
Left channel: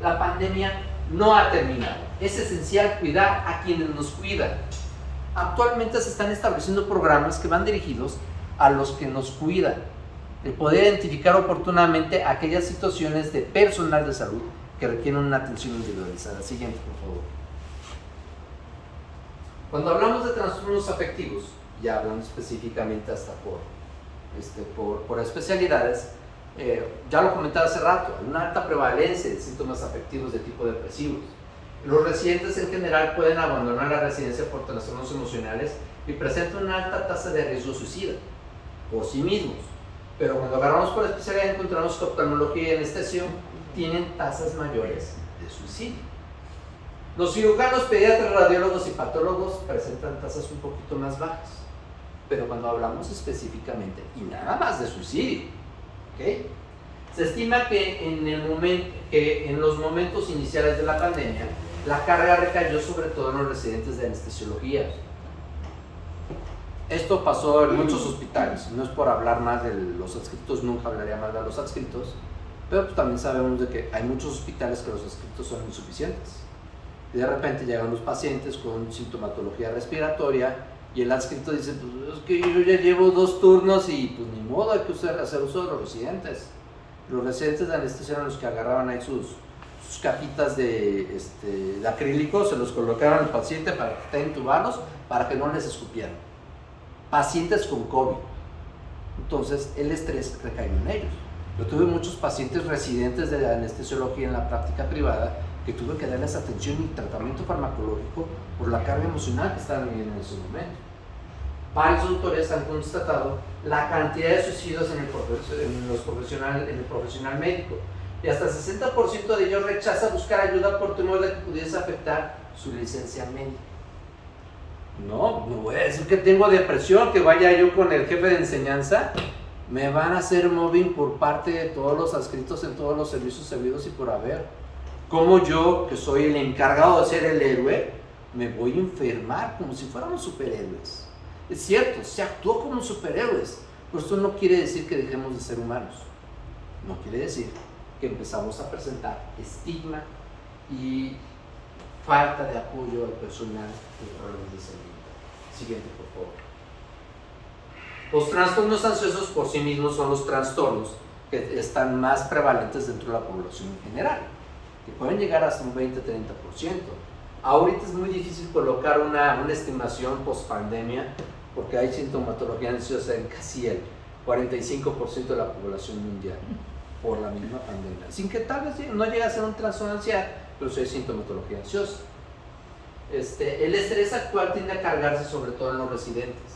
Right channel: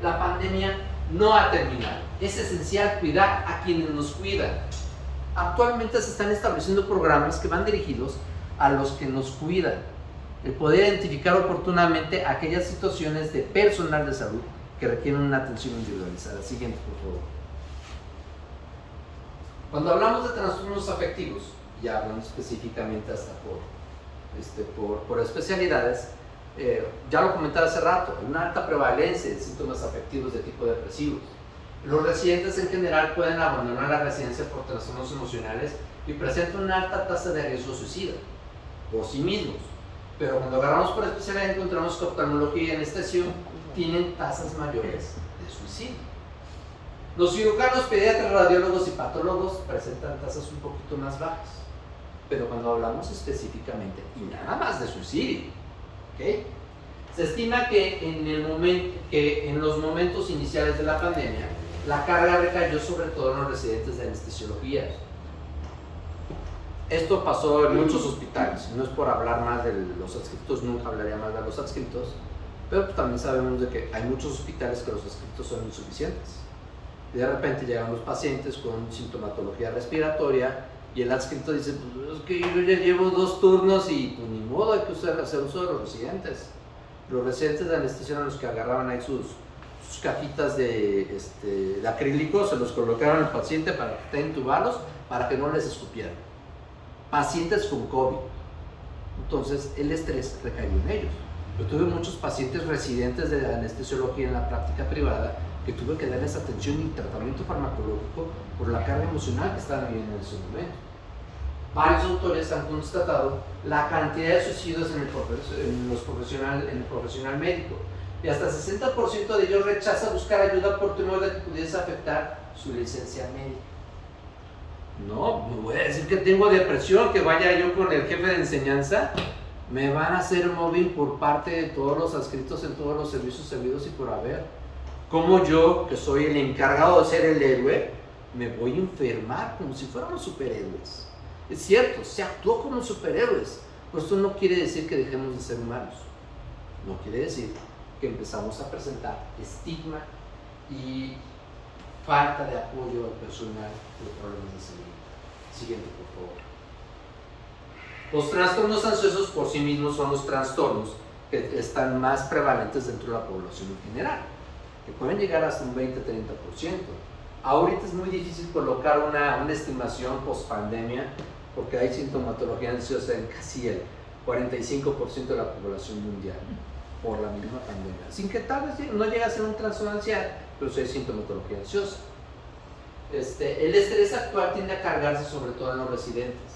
La pandemia no ha terminado. Es esencial cuidar a quienes nos cuidan. Actualmente se están estableciendo programas que van dirigidos a los que nos cuidan. El poder identificar oportunamente aquellas situaciones de personal de salud que requieren una atención individualizada. Siguiente, por favor. Cuando hablamos de trastornos afectivos, ya hablando específicamente hasta por especialidades, ya lo comentaba hace rato, hay una alta prevalencia de síntomas afectivos de tipo depresivos. Los residentes en general pueden abandonar la residencia por trastornos emocionales y presentan una alta tasa de riesgo suicida por sí mismos. Pero cuando agarramos por especialidad encontramos que oftalmología y anestesia tienen tasas mayores de suicidio. Los cirujanos, pediatras, radiólogos y patólogos presentan tasas un poquito más bajas. Pero cuando hablamos específicamente y nada más de suicidio, ¿okay? Se estima que en los momentos iniciales de la pandemia, la carga recayó sobre todo en los residentes de anestesiología. Esto pasó en muchos hospitales, no es por hablar más de los adscritos, nunca hablaría más de los adscritos, pero pues también sabemos de que hay muchos hospitales que los adscritos son insuficientes. Y de repente llegan los pacientes con sintomatología respiratoria y el adscrito dice, pues es que yo ya llevo 2 turnos y pues ni modo, hay que hacer uso de los residentes. Los residentes de anestesia eran los que agarraban ahí sus cajitas de acrílico, se los colocaron al paciente para intubarlos, para que no les escupieran. Pacientes con COVID. Entonces el estrés recayó en ellos. Yo tuve muchos pacientes residentes de anestesiología en la práctica privada que tuve que darles atención y tratamiento farmacológico por la carga emocional que estaban viviendo en ese momento. Varios autores han constatado la cantidad de suicidios en el profesional médico y hasta 60% de ellos rechaza buscar ayuda por temor de que pudiese afectar su licencia médica. No voy a decir que tengo depresión, que vaya yo con el jefe de enseñanza. Me van a hacer mobbing por parte de todos los adscritos en todos los servicios servidos y por haber. Como yo, que soy el encargado de ser el héroe, me voy a enfermar como si fuéramos superhéroes. Es cierto, se actuó como superhéroes, pero esto no quiere decir que dejemos de ser humanos. No quiere decir que empezamos a presentar estigma y falta de apoyo al personal de problemas de salud. Siguiente, por favor. Los trastornos ansiosos por sí mismos son los trastornos que están más prevalentes dentro de la población en general, que pueden llegar hasta un 20-30%. Ahorita es muy difícil colocar una estimación post-pandemia porque hay sintomatología ansiosa en casi el 45% de la población mundial por la misma pandemia. Sin que tal vez no llegue a ser un trastorno de ansiedad, pero sí hay sintomatología ansiosa. El estrés actual tiende a cargarse sobre todo en los residentes.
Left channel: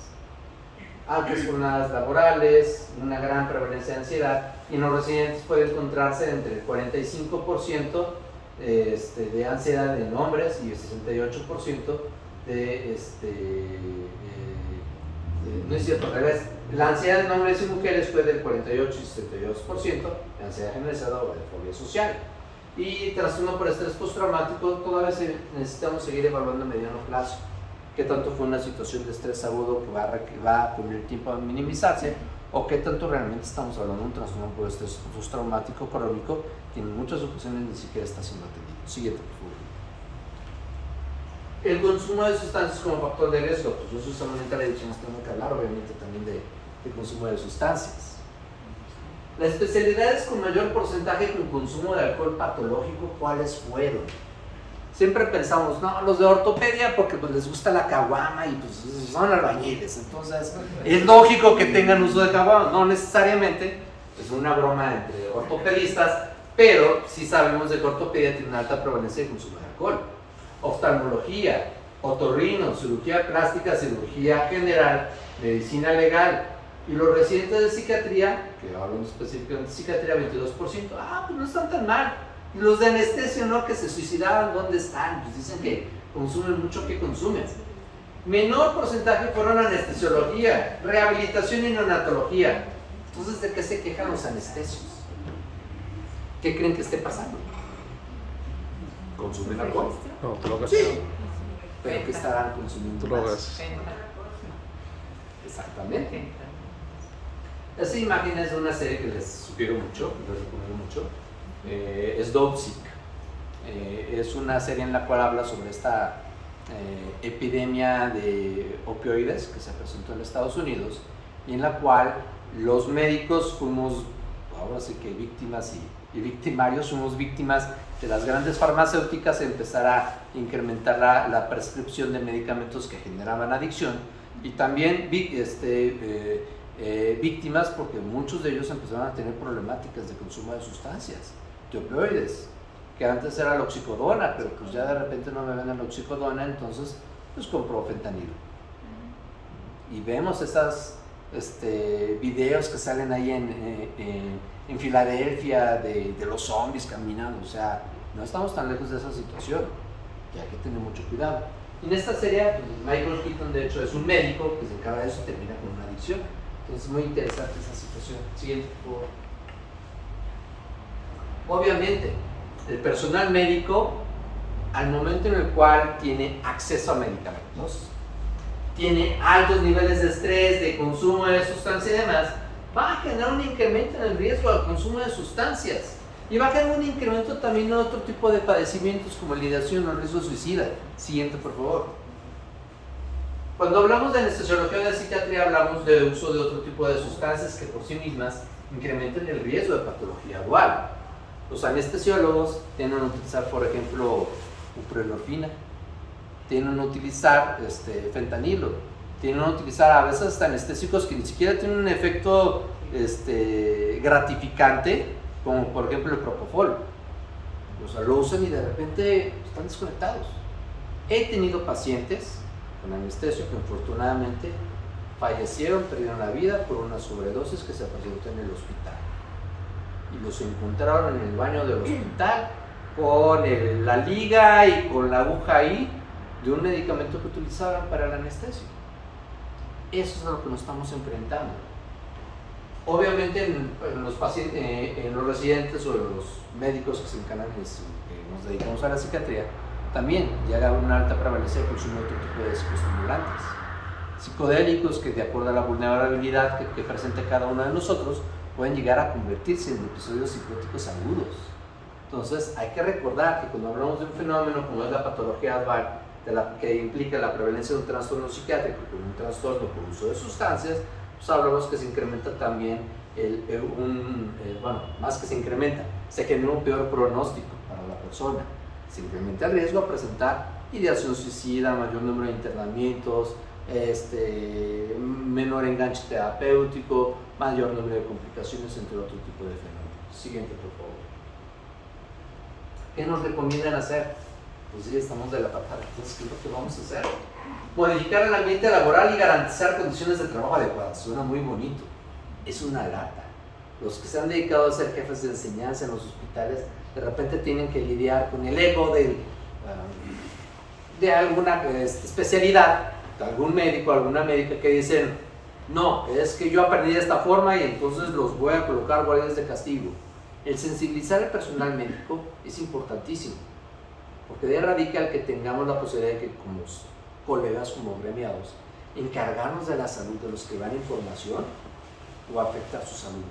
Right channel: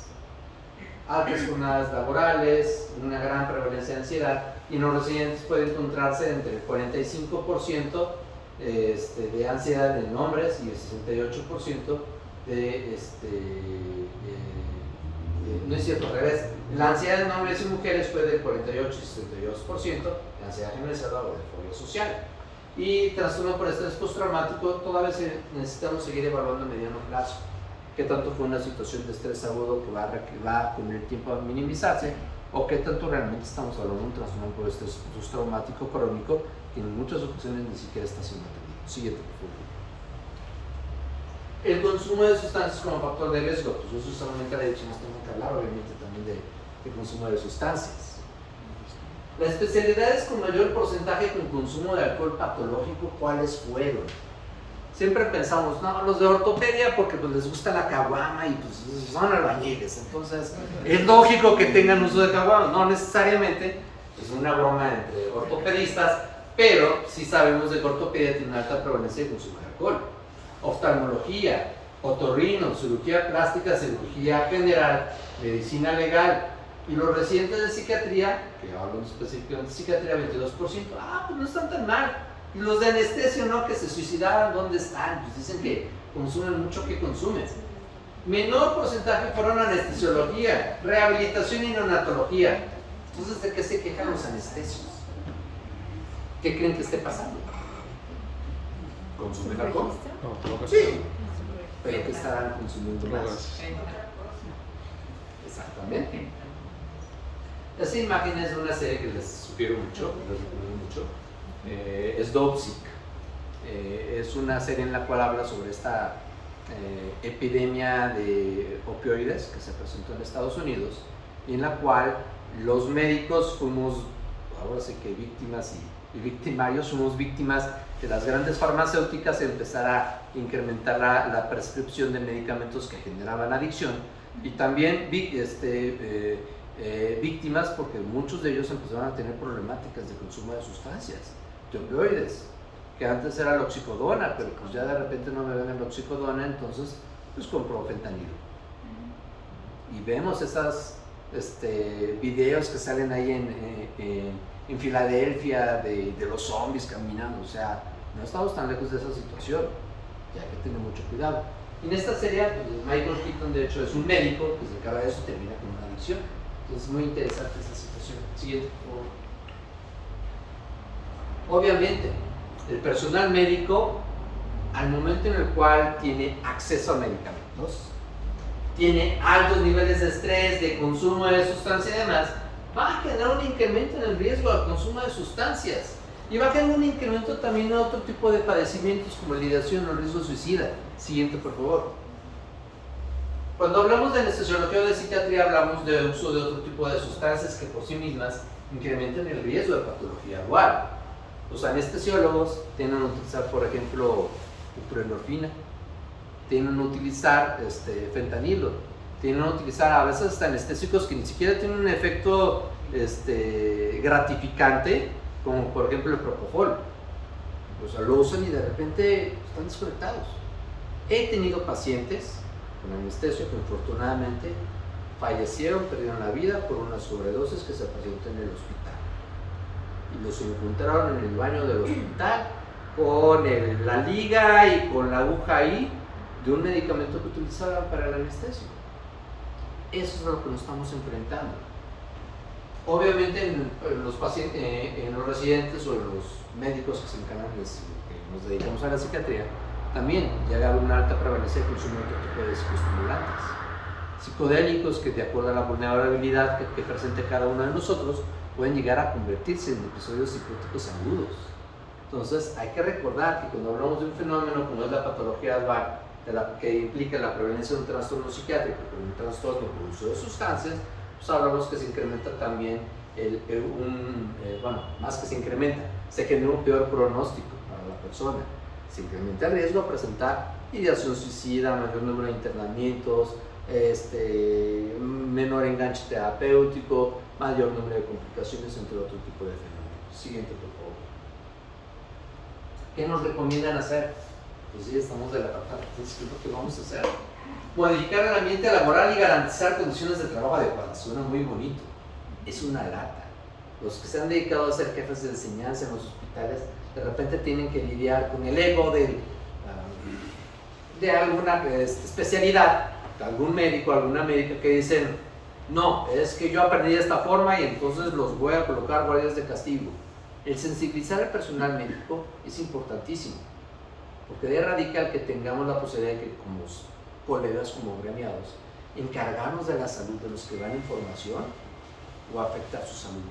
Altas jornadas laborales, una gran prevalencia de ansiedad, y en los residentes puede encontrarse entre el 45% de ansiedad en hombres y el 68% no es cierto, al revés. La ansiedad en hombres y mujeres fue del 48 y 62%, la ansiedad generalizada o de fobia social. Y trastorno por estrés postraumático, todavía necesitamos seguir evaluando a mediano plazo qué tanto fue una situación de estrés agudo que va con el tiempo a minimizarse, o qué tanto realmente estamos hablando de un trastorno por estrés postraumático crónico que en muchas ocasiones ni siquiera está siendo atendido. Siguiente, por favor. El consumo de sustancias como factor de riesgo, pues yo solamente la adicción tengo que hablar obviamente también de consumo de sustancias. Las especialidades con mayor porcentaje con consumo de alcohol patológico, ¿cuáles fueron? Siempre pensamos, no, los de ortopedia porque pues les gusta la caguama y pues son albañiles, entonces es lógico que tengan uso de caguama. No necesariamente, es una broma entre ortopedistas, pero sí sabemos de que ortopedia tiene una alta prevalencia de consumo de alcohol. Oftalmología, otorrino, cirugía plástica, cirugía general, medicina legal. Y los residentes de psiquiatría, que hablan específicamente de psiquiatría, 22%, pues no están tan mal. Y los de anestesia, ¿no? Que se suicidaban, ¿dónde están? Pues dicen que consumen mucho, ¿qué consumen? Menor porcentaje fueron anestesiología, rehabilitación y neonatología. Entonces, ¿de qué se quejan los anestesios? ¿Qué creen que esté pasando? ¿Consumir alcohol? No, drogas. Sí. ¿Pero qué estarán consumiendo Drogas. más? Exactamente. Esa imagen es de una serie que les sugiero mucho, les recomiendo mucho. Es Dopesick. Es una serie en la cual habla sobre esta epidemia de opioides que se presentó en Estados Unidos y en la cual los médicos fuimos, ahora sí que víctimas y victimarios, fuimos víctimas de las grandes farmacéuticas, empezar a incrementar la prescripción de medicamentos que generaban adicción y también víctimas porque muchos de ellos empezaron a tener problemáticas de consumo de sustancias, de opioides, que antes era la oxicodona, pero pues ya de repente no me ven la oxicodona, entonces pues compró fentanilo. Y vemos esas videos que salen ahí en Filadelfia de los zombies caminando, o sea, no estamos tan lejos de esa situación, ya que tengo mucho cuidado. En esta serie, pues, Michael Keaton de hecho es un médico que se encarga de eso y termina con una adicción. Entonces es muy interesante esa situación. Siguiente, por favor. Obviamente, el personal médico, al momento en el cual tiene acceso a medicamentos, tiene altos niveles de estrés, de consumo de sustancias y demás, va a generar un incremento en el riesgo del consumo de sustancias y va a generar un incremento también en otro tipo de padecimientos como la ideación o el riesgo suicida. Siguiente, por favor. Cuando hablamos de anestesiología o de psiquiatría, hablamos de uso de otro tipo de sustancias que por sí mismas incrementan el riesgo de patología dual. Los anestesiólogos tienden a utilizar, por ejemplo, buprenorfina, tienden a utilizar fentanilo, tienden a utilizar a veces hasta anestésicos que ni siquiera tienen un efecto gratificante, como por ejemplo el propofol. O sea, lo usan y de repente están desconectados. He tenido pacientes con anestesia que infortunadamente fallecieron, perdieron la vida por una sobredosis que se presentó en el hospital. Y los encontraron en el baño del hospital con la liga y con la aguja ahí de un medicamento que utilizaban para la anestesia. Eso es a lo que nos estamos enfrentando. Obviamente en los pacientes, en los residentes o los médicos que se encargan de eso, que nos dedicamos a la psiquiatría, también llega a una alta prevalencia de consumo de otro tipo de psicoestimulantes. Psicodélicos que de acuerdo a la vulnerabilidad que presente cada uno de nosotros pueden llegar a convertirse en episodios psicóticos agudos. Entonces hay que recordar que cuando hablamos de un fenómeno como es la patología dual, que implica la prevalencia de un trastorno psiquiátrico con un trastorno por uso de sustancias, pues hablamos que se incrementa también, más que se incrementa, se genera un peor pronóstico para la persona. Se incrementa el riesgo a presentar ideación suicida, mayor número de internamientos, menor enganche terapéutico, mayor número de complicaciones, entre otro tipo de fenómenos. Siguiente, por favor. ¿Qué nos recomiendan hacer? Pues sí, estamos de la patada. Entonces, ¿qué es lo que vamos a hacer? Modificar el ambiente laboral y garantizar condiciones de trabajo adecuadas. Suena muy bonito. Es una lata. Los que se han dedicado a ser jefes de enseñanza en los hospitales, de repente tienen que lidiar con el ego de alguna especialidad, de algún médico, alguna médica que dicen, no, es que yo aprendí de esta forma y entonces los voy a colocar guardias de castigo. El sensibilizar al personal médico es importantísimo, porque de ahí radica el que tengamos la posibilidad de que como colegas, como gremiados, encargarnos de la salud de los que dan información o afectar su salud.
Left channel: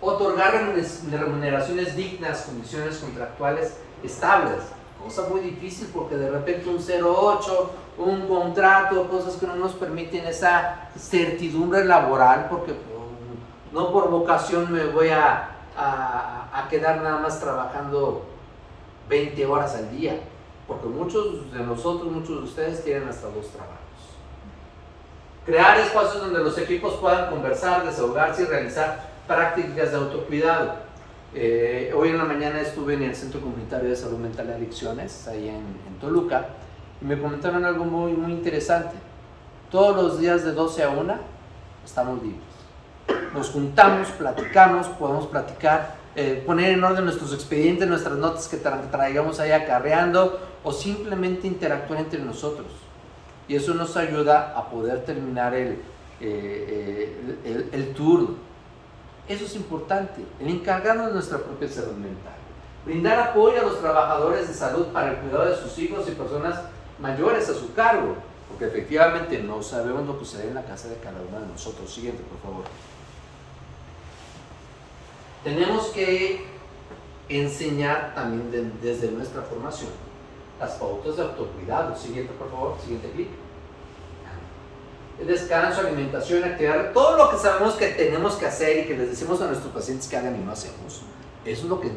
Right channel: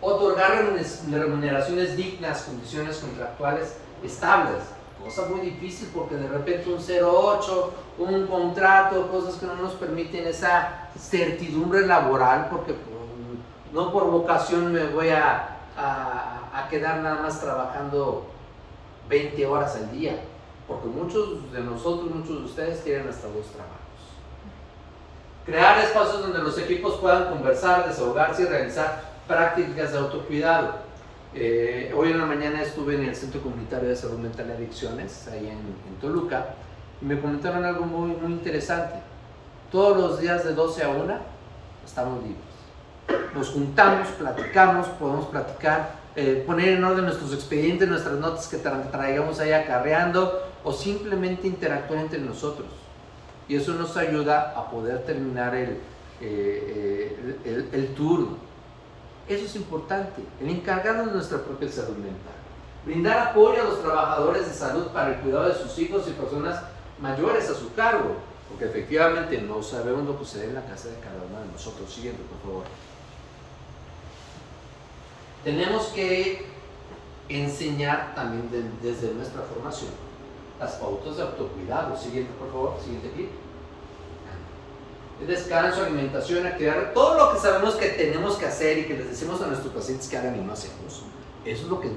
Otorgar remuneraciones dignas, condiciones contractuales estables, cosa muy difícil porque de repente un 08, un contrato, cosas que no nos permiten esa certidumbre laboral, porque no por vocación me voy a quedar nada más trabajando 20 horas al día, porque muchos de nosotros, muchos de ustedes tienen hasta 2 trabajos. Crear espacios donde los equipos puedan conversar, desahogarse y realizar prácticas de autocuidado. Hoy en la mañana estuve en el Centro Comunitario de Salud Mental y Adicciones, ahí en Toluca, y me comentaron algo muy, muy interesante. Todos los días de 12 a 1 estamos libres. Nos juntamos, platicamos, podemos platicar, poner en orden nuestros expedientes, nuestras notas que traigamos ahí acarreando, o simplemente interactuar entre nosotros. Y eso nos ayuda a poder terminar el turno. Eso es importante, el encargarnos de nuestra propia salud mental. Brindar apoyo a los trabajadores de salud para el cuidado de sus hijos y personas mayores a su cargo, porque efectivamente no sabemos lo que sucede en la casa de cada uno de nosotros. Siguiente, por favor. Tenemos que enseñar también desde nuestra formación las pautas de autocuidado. Siguiente, por favor. Siguiente clip. Descanso, alimentación, actividad, todo lo que sabemos que tenemos que hacer y que les decimos a nuestros pacientes que hagan y no hacemos. Eso es lo que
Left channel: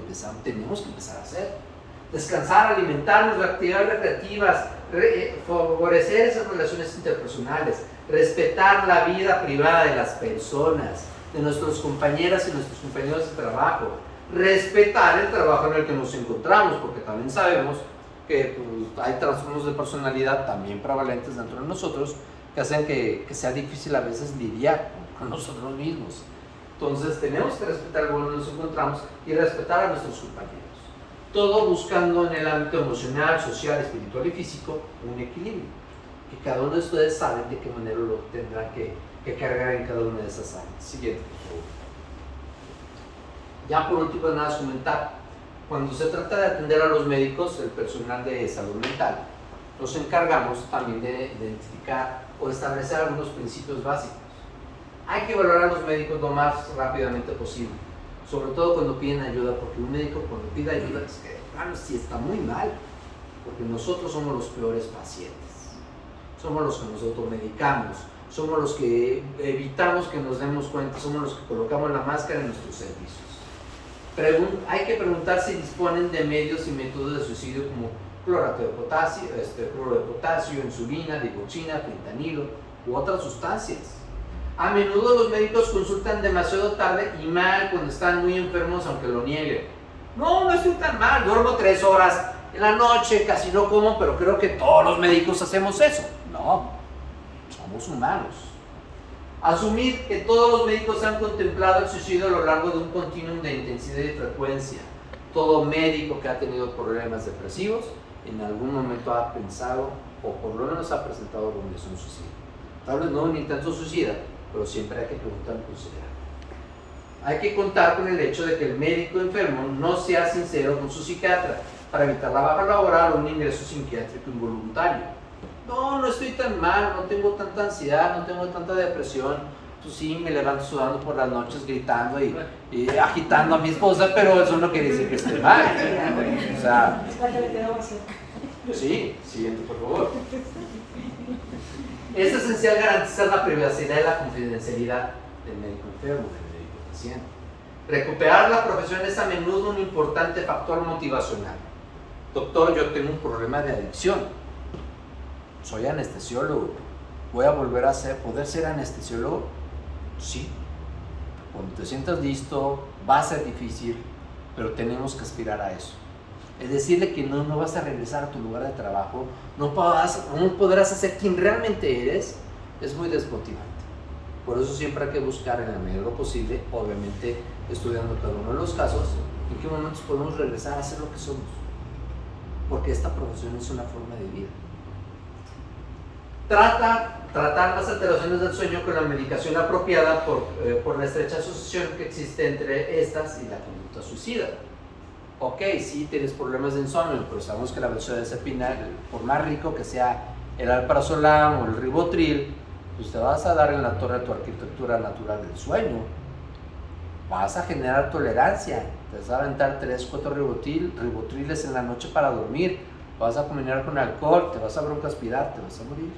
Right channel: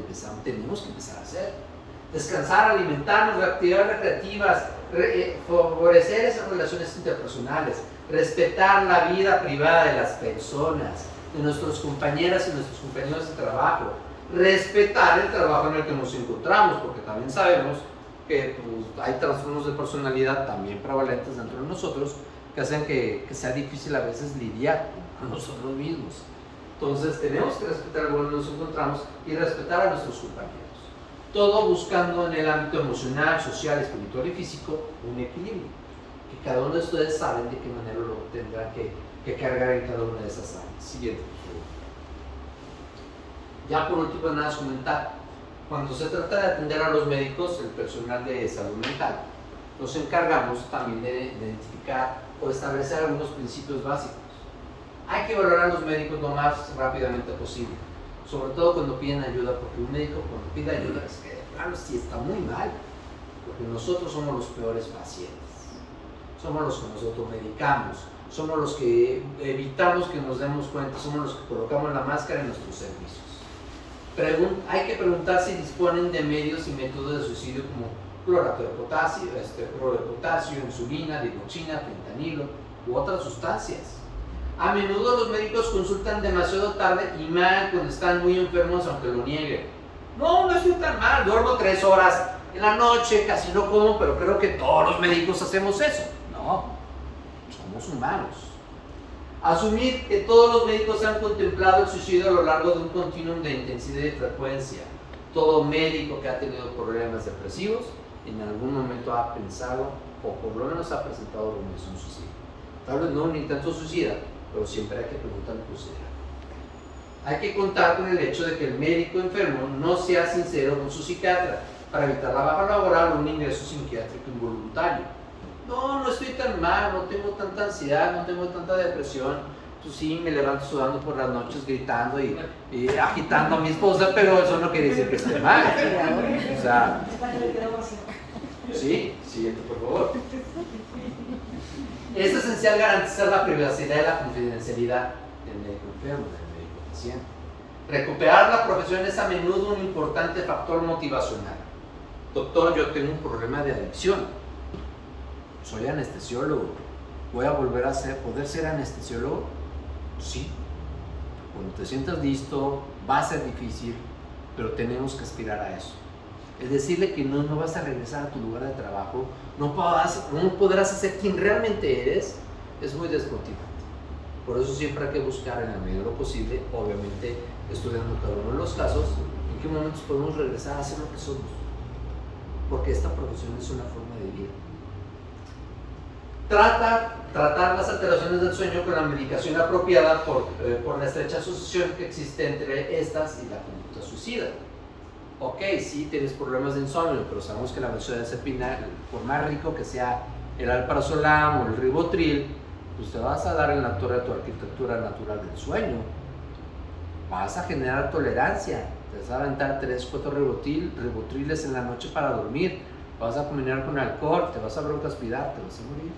tenemos que empezar a hacer. Descansar, alimentarnos, actividades recreativas, favorecer esas relaciones interpersonales, respetar la vida privada de las personas, de nuestros compañeras y nuestros compañeros de trabajo, respetar el trabajo en el que nos encontramos, porque también sabemos que pues, hay trastornos de personalidad también prevalentes dentro de nosotros que hacen que sea difícil a veces lidiar con nosotros mismos. Entonces tenemos que respetar el lugar donde nos encontramos y respetar a nuestros compañeros. Todo buscando en el ámbito emocional, social, espiritual y físico un equilibrio. Que cada uno de ustedes saben de qué manera lo tendrán que cargar en cada una de esas áreas. Siguiente, por favor. Ya por último, nada más comentar. Cuando se trata de atender a los médicos, el personal de salud mental, nos encargamos también de identificar o establecer algunos principios básicos. Hay que valorar a los médicos lo más rápidamente posible, sobre todo cuando piden ayuda, porque un médico cuando pide ayuda es que, claro, sí está muy mal, porque nosotros somos los peores pacientes, somos los que nosotros medicamos, somos los que evitamos que nos demos cuenta, somos los que colocamos la máscara en nuestros servicios. Hay que preguntar si disponen de medios y métodos de suicidio como clorato de potasio, cloro de potasio, insulina, digoxina, fentanilo u otras sustancias. A menudo los médicos consultan demasiado tarde y mal cuando están muy enfermos, aunque lo nieguen. No estoy tan mal, duermo 3 horas en la noche, casi no como, pero creo que todos los médicos hacemos eso. No, somos humanos. Asumir que todos los médicos han contemplado el suicidio a lo largo de un continuum de intensidad y frecuencia. Todo médico que ha tenido problemas depresivos en algún momento ha pensado o por lo menos ha presentado alguna suicidio. Tal vez no un intento suicida, pero siempre hay que preguntar por si era. Hay que contar con el hecho de que el médico enfermo no sea sincero con su psiquiatra para evitar la baja laboral o un ingreso psiquiátrico involuntario. No estoy tan mal, no tengo tanta ansiedad, no tengo tanta depresión. Pues sí, me levanto sudando por las noches, gritando y agitando a mi esposa, pero eso no quiere decir que esté mal. O sea, sí, siguiente, por favor. Es esencial garantizar la privacidad y la confidencialidad del médico enfermo, del médico paciente. Recuperar la profesión es a menudo un importante factor motivacional. Doctor, yo tengo un problema de adicción. Soy anestesiólogo. ¿Voy a volver a poder ser anestesiólogo? Sí. Cuando te sientas listo, va a ser difícil, pero tenemos que aspirar a eso. Es decirle que no vas a regresar a tu lugar de trabajo, no podrás hacer quien realmente eres, es muy desmotivante. Por eso siempre hay que buscar en la medida de lo posible, obviamente estudiando cada uno de los casos, en qué momentos podemos regresar a ser lo que somos. Porque esta profesión es una forma de vida. Tratar las alteraciones del sueño con la medicación apropiada por la estrecha asociación que existe entre estas y la conducta suicida. Ok, sí tienes problemas de insomnio, pero sabemos que la benzodiazepina, por más rico que sea el alprazolam o el ribotril, pues te vas a dar en la torre de tu arquitectura natural del sueño. Vas a generar tolerancia, te vas a aventar 3-4 ribotriles en la noche para dormir, vas a combinar con alcohol, te vas a broncoaspirar, te vas a morir.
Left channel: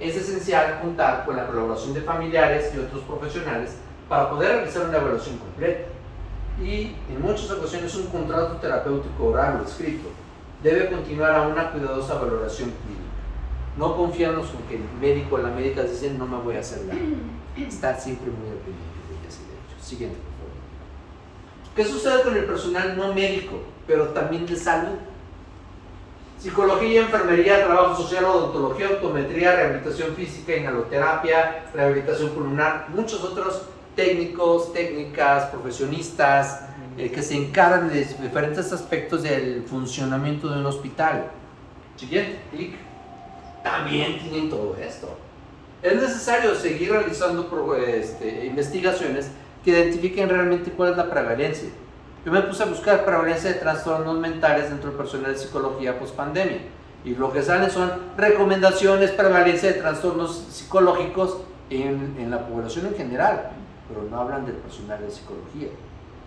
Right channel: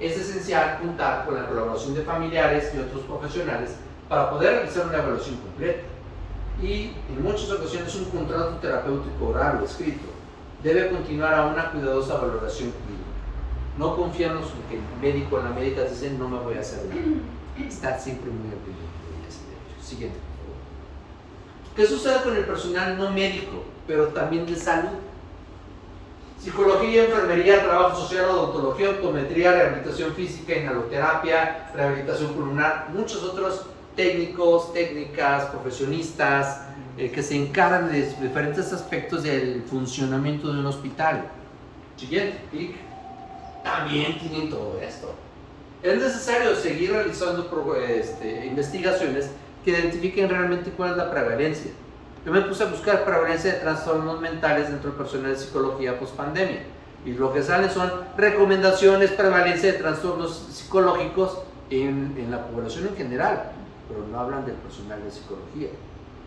Es esencial contar con la colaboración de familiares y otros profesionales para poder realizar una evaluación completa. Y en muchas ocasiones un contrato terapéutico oral o escrito debe continuar a una cuidadosa valoración clínica. No confiarnos en que el médico o la médica dicen no me voy a hacer daño. Estar siempre muy al pendiente de ellas y de ellos. Siguiente, por favor. ¿Qué sucede con el personal no médico, pero también de salud? Psicología, enfermería, trabajo social, odontología, optometría, rehabilitación física, inhaloterapia, rehabilitación pulmonar, muchos otros técnicos, técnicas, profesionistas que se encargan de diferentes aspectos del funcionamiento de un hospital. Siguiente, clic. También tienen todo esto. Es necesario seguir realizando investigaciones que identifiquen realmente cuál es la prevalencia. Yo me puse a buscar prevalencia de trastornos mentales dentro del personal de psicología post-pandemia, y lo que sale son recomendaciones, prevalencia de trastornos psicológicos en la población en general, pero no hablan del personal de psicología.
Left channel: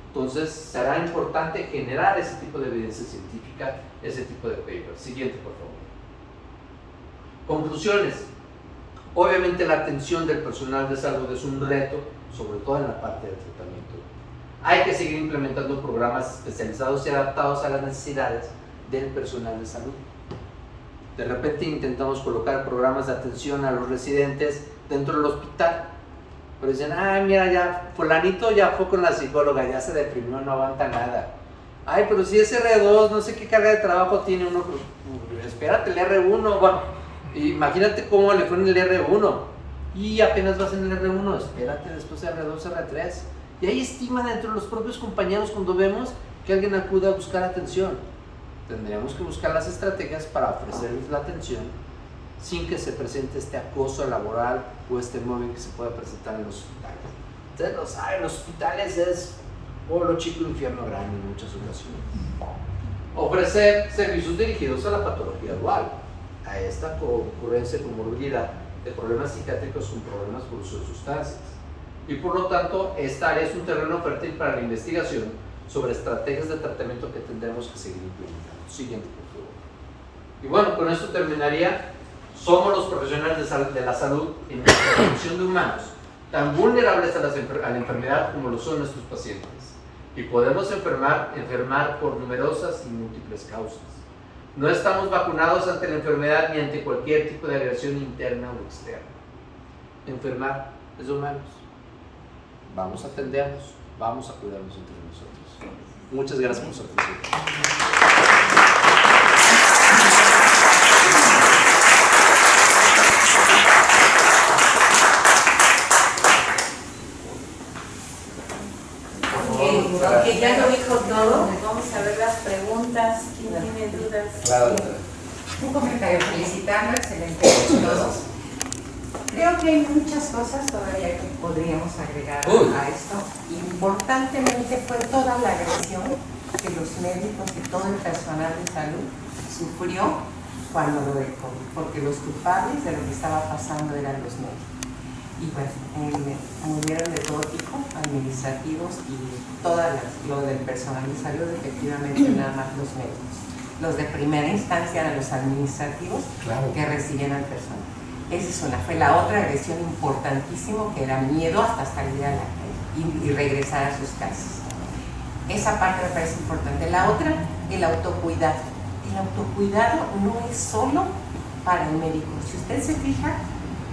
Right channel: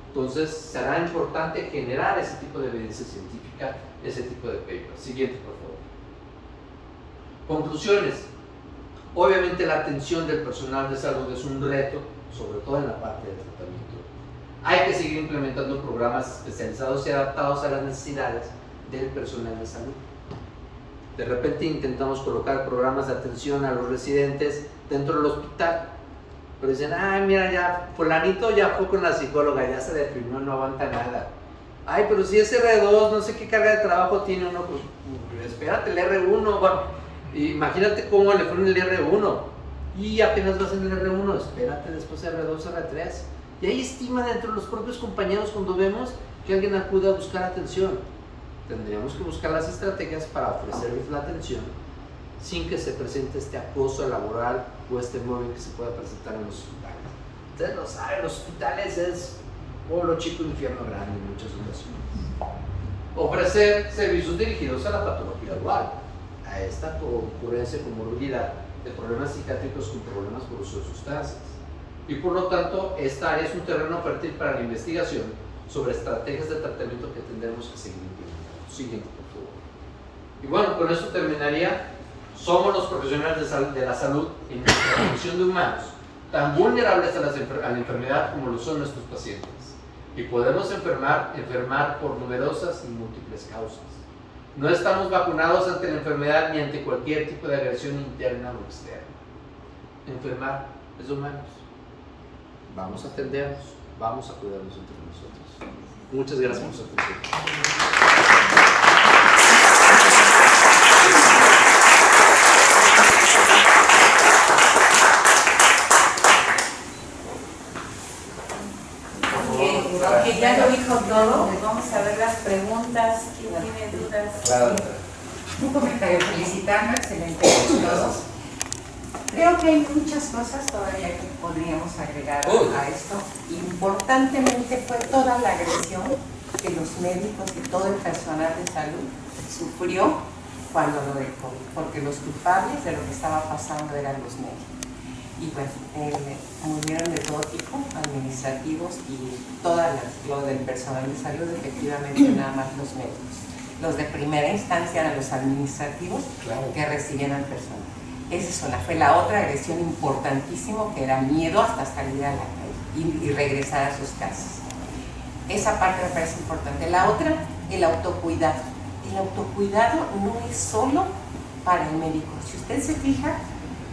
Entonces será importante generar ese tipo de evidencia científica, ese tipo de papers. Siguiente, por favor. Conclusiones. Obviamente la atención del personal de salud es un reto, sobre todo en la parte de tratamiento. Hay que seguir implementando programas especializados y adaptados a las necesidades del personal de salud. De repente intentamos colocar programas de atención a los residentes dentro del hospital, pero dicen, ay, mira, ya fulanito ya fue con la psicóloga, ya se deprimió, no aguanta nada. Ay, pero si es R2, no sé qué carga de trabajo tiene uno, pues espérate el R1, bueno, imagínate cómo le fue en el R1 y apenas vas en el R1, espérate después R2, R3. Y hay estima entre los propios compañeros cuando vemos que alguien acude a buscar atención. Tendríamos que buscar las estrategias para ofrecerles la atención sin que se presente este acoso laboral o este móvil que se pueda presentar en los hospitales. Ustedes lo saben, los hospitales es pueblo chico, infierno grande en muchas ocasiones. Ofrecer servicios dirigidos a la patología dual, a esta ocurrencia comorbilidad de problemas psiquiátricos con problemas por uso de sustancias. Y por lo tanto, esta área es un terreno fértil para la investigación sobre estrategias de tratamiento que tendremos que seguir implementando. Siguiente, por favor. Y bueno, con esto terminaría. Somos los profesionales de la salud en la protección de humanos, tan vulnerables a la enfermedad como lo son nuestros pacientes. Y podemos enfermar por numerosas y múltiples causas. No estamos vacunados ante la enfermedad ni ante cualquier tipo de agresión interna o externa. Enfermar es de humanos. Vamos a atendernos, vamos a cuidarnos entre nosotros. Muchas gracias por su atención. Aunque ya lo dijo todo, vamos a ver las preguntas. ¿Quién tiene dudas? Claro. Un comentario, felicitando, excelente a todos. Creo que hay muchas cosas todavía que podríamos agregar a esto. Importantemente fue toda la agresión que los médicos y todo el personal de salud sufrió cuando lo del COVID, porque los culpables de lo que estaba pasando eran los médicos. Y pues murieron de todo tipo, administrativos y lo del personal de salud, efectivamente nada más los médicos. Los de primera instancia eran los administrativos, claro, que recibían al personal. Esa es una. Fue la otra agresión importantísima, que era miedo hasta salir a la calle y regresar a sus casas. Esa parte me parece importante. La otra, el autocuidado. El autocuidado no es solo para el médico. Si usted se fija,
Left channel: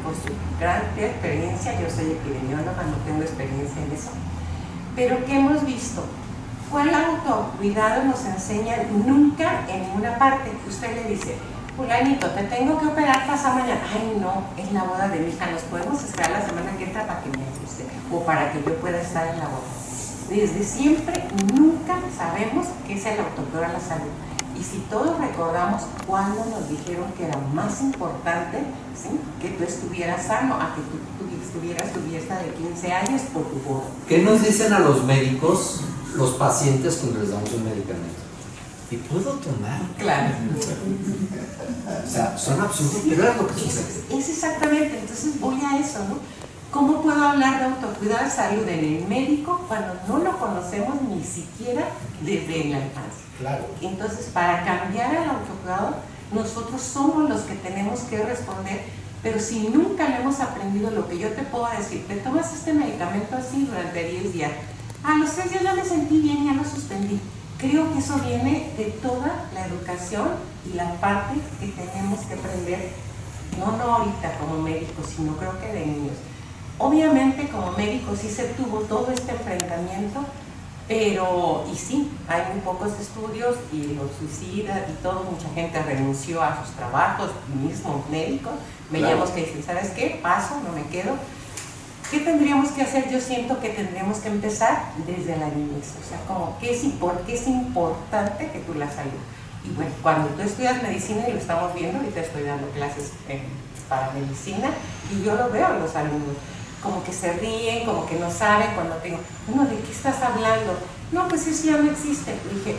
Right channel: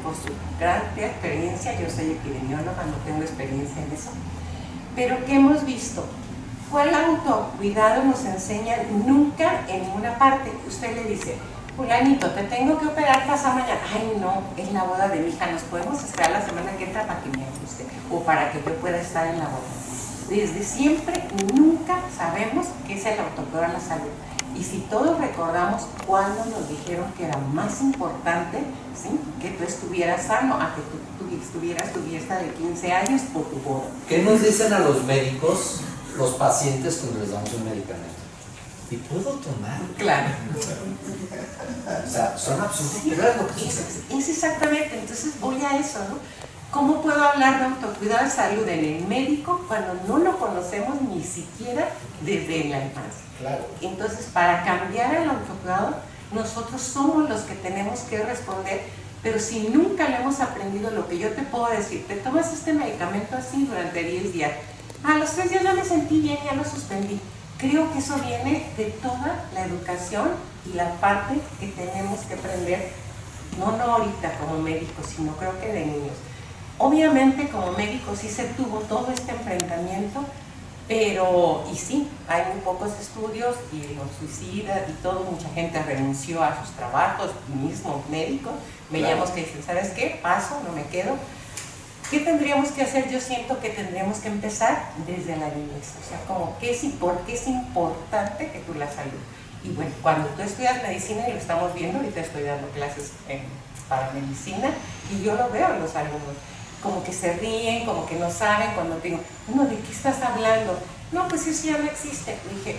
por su gran experiencia, yo soy epidemióloga, no tengo experiencia en eso, pero ¿qué hemos visto? ¿Cuál autocuidado nos enseña? Nunca en ninguna parte. Usted le dice, fulanito, te tengo que operar pasado mañana. Ay, no, es la boda de mi hija, nos podemos esperar la semana que entra para que me ajuste o para que yo pueda estar en la boda. Desde siempre, nunca sabemos qué es el autocuidado a la salud. Y si todos recordamos cuando nos dijeron que era más importante, ¿sí?, que tú estuvieras sano a que tú tuvieras tu fiesta de 15 años por tu boda. ¿Qué nos dicen a los médicos, los pacientes, cuando les damos un medicamento? ¿Y puedo tomar? Claro. O sea, son absurdos, pero es lo que sucede. Es exactamente, entonces voy a eso, ¿no? ¿Cómo puedo hablar de autocuidado de salud en el médico cuando no lo conocemos ni siquiera desde la infancia? Claro. Entonces, para cambiar el autocuidado, nosotros somos los que tenemos que responder, pero si nunca le hemos aprendido, lo que yo te puedo decir, te tomas este medicamento así durante 10 días, a los 3 días ya me sentí bien, ya lo suspendí. Creo que eso viene de toda la educación y la parte que tenemos que aprender, no ahorita como médicos, sino creo que de niños. Obviamente como médicos sí se tuvo todo este enfrentamiento, Pero, y sí, hay muy pocos estudios y los suicidas y todo, mucha gente renunció a sus trabajos, mismos médicos, veíamos que dicen, ¿sabes qué? Paso, no me quedo. ¿Qué tendríamos que hacer? Yo siento que tendríamos que empezar desde la niñez, o sea, como, ¿por qué es importante que tú la salud? Y bueno, cuando tú estudias medicina, y lo estamos viendo, ahorita estoy dando clases para medicina, y yo lo veo en los alumnos, como que se ríen, como que no saben cuando tengo, no, ¿de qué estás hablando? No, pues eso ya no existe. Y dije,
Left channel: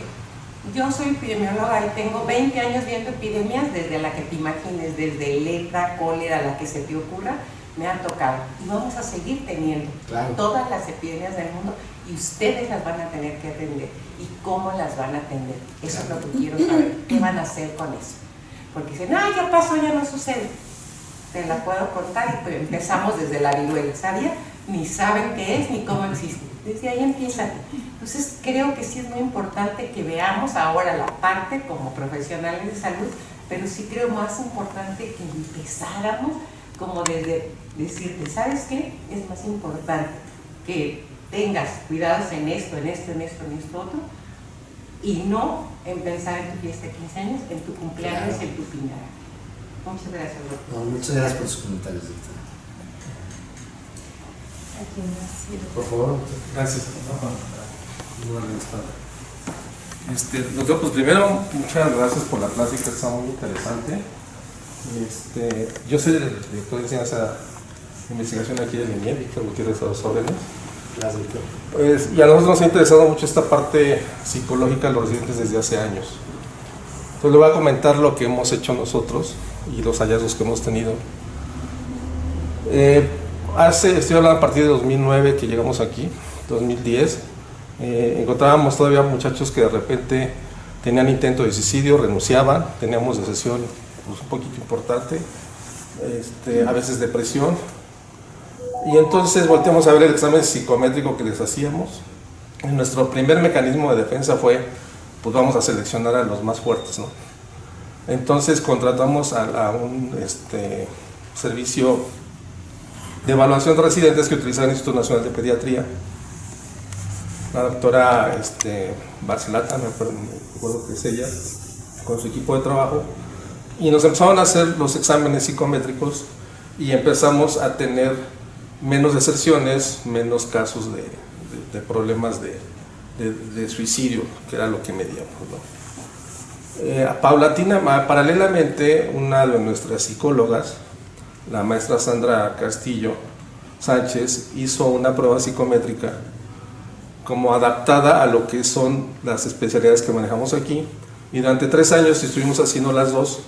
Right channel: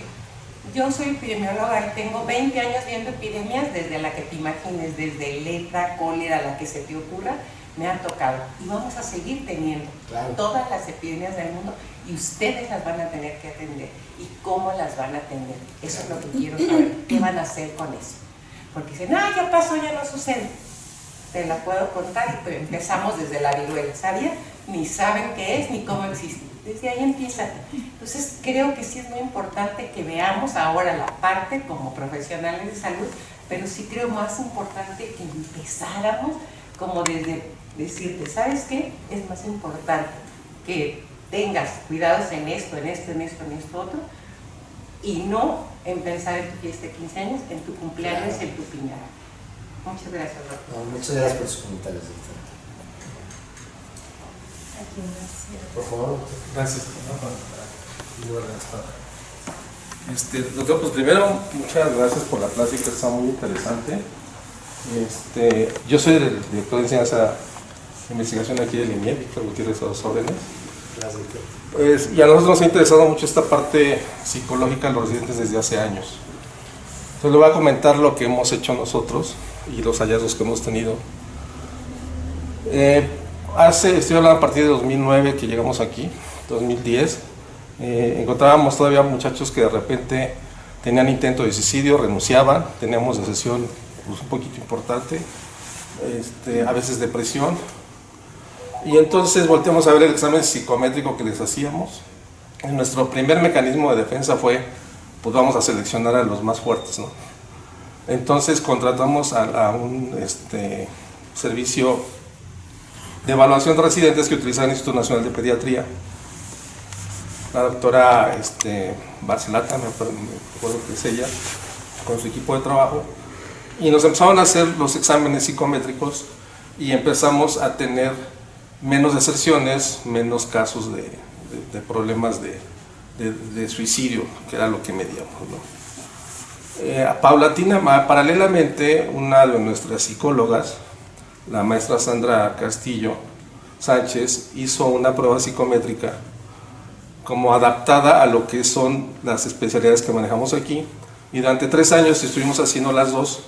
yo soy epidemióloga y tengo 20 años viendo epidemias, desde la que te imagines, desde lepra, cólera, la que se te ocurra, me ha tocado. Y vamos a seguir teniendo todas las epidemias del mundo, y ustedes las van a tener que atender. ¿Y cómo las van a atender? Eso es lo que quiero saber. ¿Qué van a hacer con eso? Porque dicen, ya pasó, ya no sucede. Te la puedo contar, y empezamos desde la viruela, ¿sabía? Ni saben qué es, ni cómo existe. Desde ahí empieza. Entonces creo que sí es muy importante que veamos ahora la parte como profesionales de salud, pero sí creo más importante que empezáramos como desde decirte, ¿sabes qué? Es más importante que tengas cuidados en esto, en esto, en esto, en esto otro, y no en pensar en tu fiesta de 15 años, en tu cumpleaños, en tu piñata. Muchas gracias, doctor. No, muchas gracias por sus comentarios, doctor. Por favor. Gracias. Doctor, pues primero, muchas gracias por la plática, está muy interesante. Yo soy el director de enseñanza de investigación aquí del INIEP, Víctor Gutiérrez, a los órdenes. Gracias, doctor. Pues, y a nosotros nos ha interesado mucho esta parte psicológica de los residentes desde hace años. Entonces le voy a comentar lo que hemos hecho nosotros y los hallazgos que hemos tenido. Estoy hablando a partir de 2009 que llegamos aquí, 2010, encontrábamos todavía muchachos que de repente tenían intento de suicidio, renunciaban, teníamos depresión pues, un poquito importante, a veces depresión, y entonces volteamos a ver el examen psicométrico que les hacíamos. Nuestro primer mecanismo de defensa fue, pues vamos a seleccionar a los más fuertes, ¿no? Entonces contratamos a un servicio de evaluación de residentes que utilizaba el Instituto Nacional de Pediatría, la doctora Barcelata, me acuerdo que es ella, con su equipo de trabajo, y nos empezaron a hacer los exámenes psicométricos y empezamos a tener menos deserciones, menos casos de problemas de suicidio, que era lo que medíamos, ¿no? Paralelamente, una de nuestras psicólogas, la maestra Sandra Castillo Sánchez, hizo una prueba psicométrica como adaptada a lo que son las especialidades que manejamos aquí, y durante 3 años estuvimos haciendo las dos,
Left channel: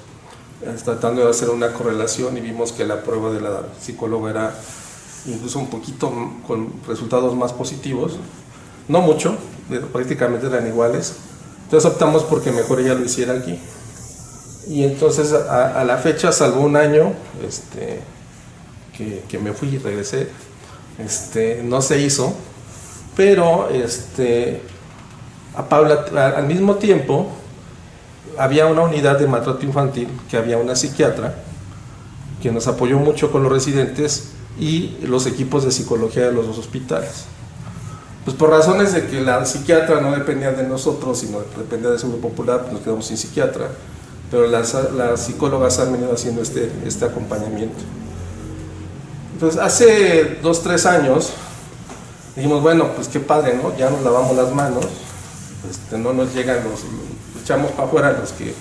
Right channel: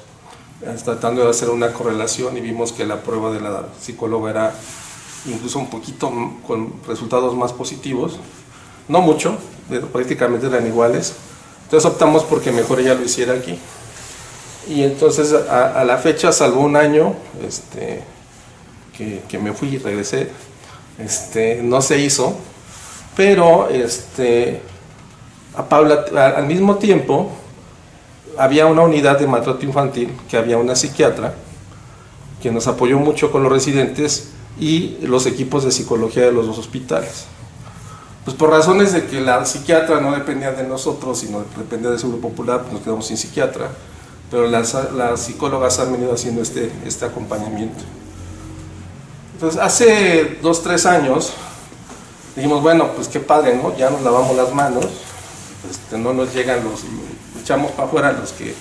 tratando de hacer una correlación, y vimos que la prueba de la psicóloga era incluso un poquito con resultados más positivos, no mucho, prácticamente eran iguales. Entonces optamos porque mejor ella lo hiciera aquí. Y entonces a la fecha, salvo un año que me fui y regresé, no se hizo, pero al mismo tiempo había una unidad de maltrato infantil, que había una psiquiatra que nos apoyó mucho con los residentes y los equipos de psicología de los dos hospitales. Pues por razones de que la psiquiatra no dependía de nosotros, sino dependía del Seguro Popular, pues nos quedamos sin psiquiatra, pero las psicólogas han venido haciendo este acompañamiento. Entonces hace 2-3 años dijimos, bueno, pues qué padre, ¿no? Ya nos lavamos las manos, no nos llegan echamos para afuera los que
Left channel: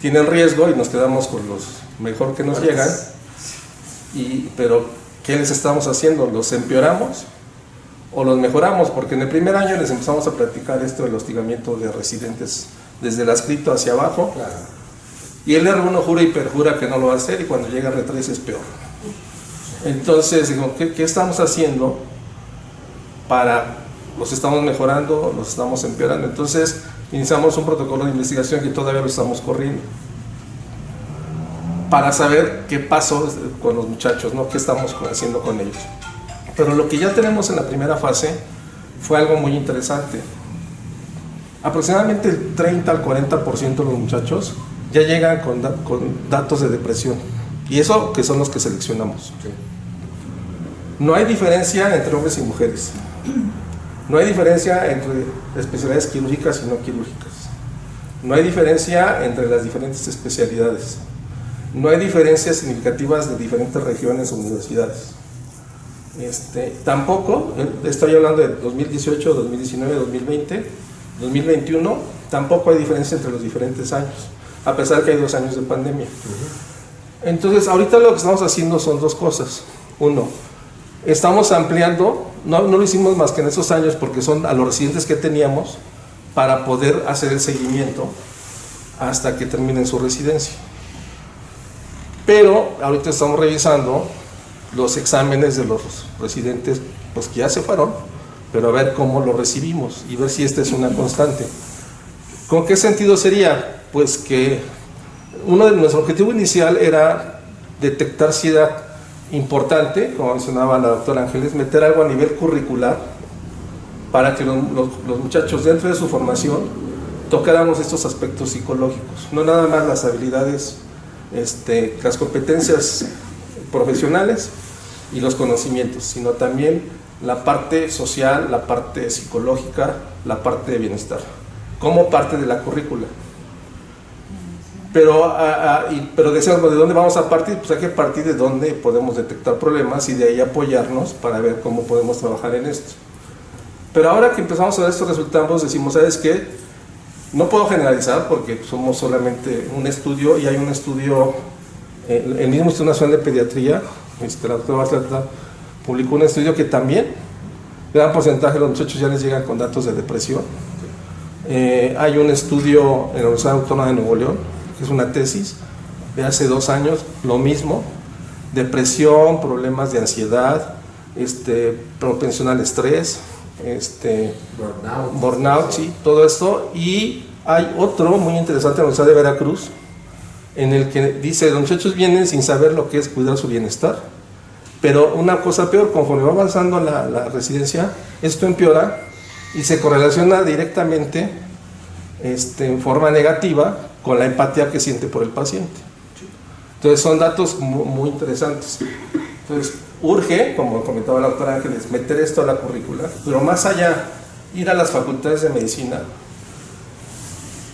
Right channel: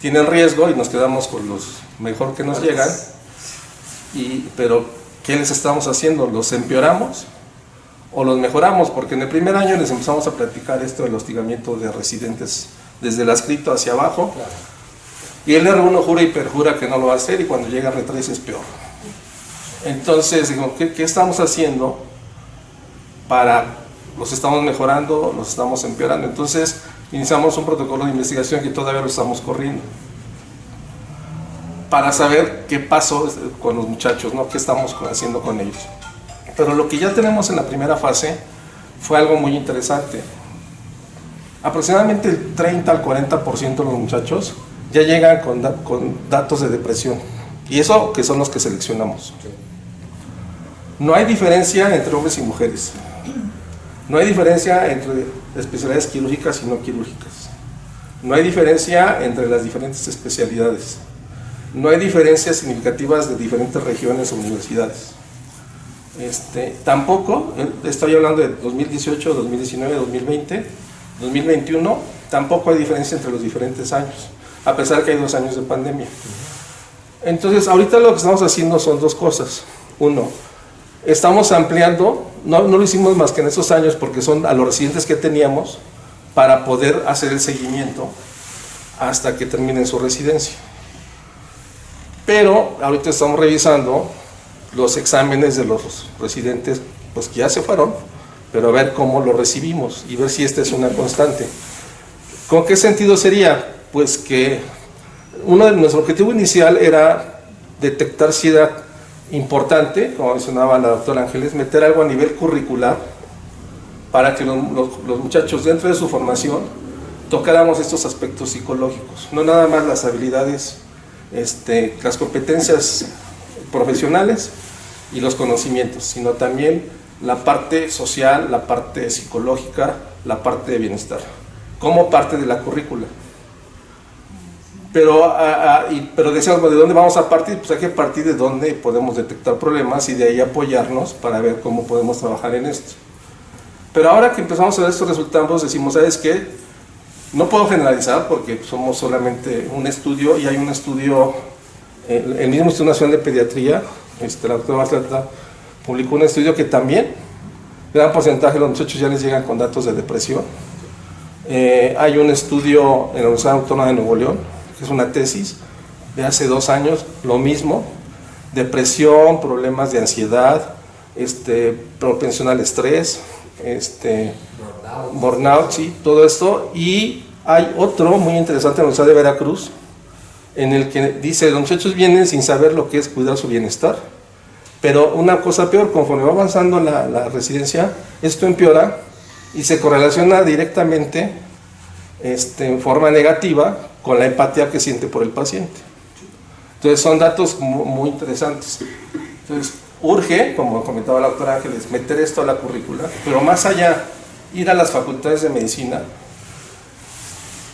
tienen riesgo y nos quedamos con los mejor que nos llegan, pero ¿qué les estamos haciendo? ¿Los empeoramos o los mejoramos? Porque en el primer año les empezamos a platicar esto del hostigamiento de residentes desde el adscrito hacia abajo, claro. Y el R1 jura y perjura que no lo va a hacer, y cuando llega R3 es peor. Entonces digo, ¿qué estamos haciendo los estamos mejorando, los estamos empeorando? Entonces iniciamos un protocolo de investigación que todavía lo estamos corriendo para saber qué pasó con los muchachos, ¿no? ¿Qué estamos haciendo con ellos? Pero lo que ya tenemos en la primera fase fue algo muy interesante. Aproximadamente el 30 al 40% de los muchachos ya llegan con datos de depresión, y eso que son los que seleccionamos. No hay diferencia entre hombres y mujeres. No hay diferencia entre especialidades quirúrgicas y no quirúrgicas. No hay diferencia entre las diferentes especialidades. No hay diferencias significativas de diferentes regiones o universidades. Tampoco, estoy hablando de 2018, 2019, 2020, 2021, tampoco hay diferencia entre los diferentes años, a pesar que hay 2 años de pandemia. Entonces, ahorita lo que estamos haciendo son 2 cosas. Uno, estamos ampliando, no lo hicimos más que en esos años porque son a los residentes que teníamos para poder hacer el seguimiento hasta que terminen su residencia. Pero ahorita estamos revisando los exámenes de los residentes pues que ya se fueron, pero a ver cómo lo recibimos y ver si esta es una constante. ¿Con qué sentido sería? Pues que nuestro objetivo inicial era detectar si era importante, como mencionaba la doctora Ángeles, meter algo a nivel curricular para que los muchachos dentro de su formación tocáramos estos aspectos psicológicos, no nada más las habilidades, las competencias profesionales y los conocimientos, sino también la parte social, la parte psicológica, la parte de bienestar, como parte de la currícula. Pero decíamos, ¿de dónde vamos a partir? Pues hay que partir de dónde podemos detectar problemas y de ahí apoyarnos para ver cómo podemos trabajar en esto. Pero ahora que empezamos a ver estos resultados, decimos, ¿sabes qué? No puedo generalizar porque somos solamente un estudio y hay un estudio, el mismo Instituto Nacional de Pediatría, la doctora Bartletta publicó un estudio que también, gran porcentaje de los muchachos ya les llegan con datos de depresión. Hay un estudio en la Universidad Autónoma de Nuevo León, que es una tesis de hace 2 años, lo mismo, depresión, problemas de ansiedad, propensión al estrés, burnout, sí, todo esto. Y hay otro muy interesante en la Universidad de Veracruz, en el que dice, los muchachos vienen sin saber lo que es cuidar su bienestar, pero una cosa peor, conforme va avanzando la residencia, esto empeora y se correlaciona directamente en forma negativa con la empatía que siente por el paciente. Entonces son datos muy interesantes. Entonces urge, como comentaba la doctora Ángeles, meter esto a la currícula, pero más allá, ir a las facultades de medicina.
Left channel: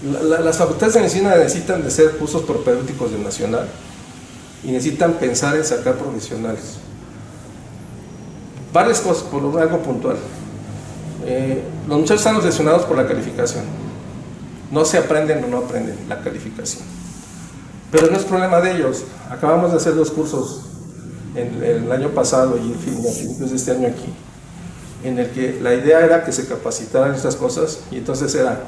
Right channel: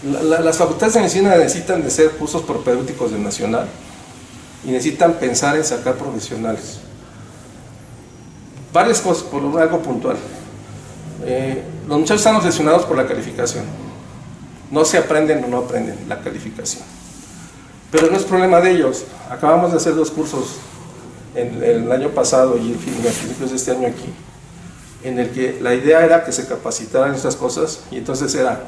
Las facultades de medicina necesitan de ser cursos propedéuticos del Nacional y necesitan pensar en sacar profesionales. Varias cosas, por algo puntual. Los muchachos están obsesionados por la calificación. No se aprenden o no aprenden la calificación. Pero no es problema de ellos. Acabamos de hacer 2 cursos el año pasado y a principios de este año aquí, en el que la idea era que se capacitaran en estas cosas y entonces era,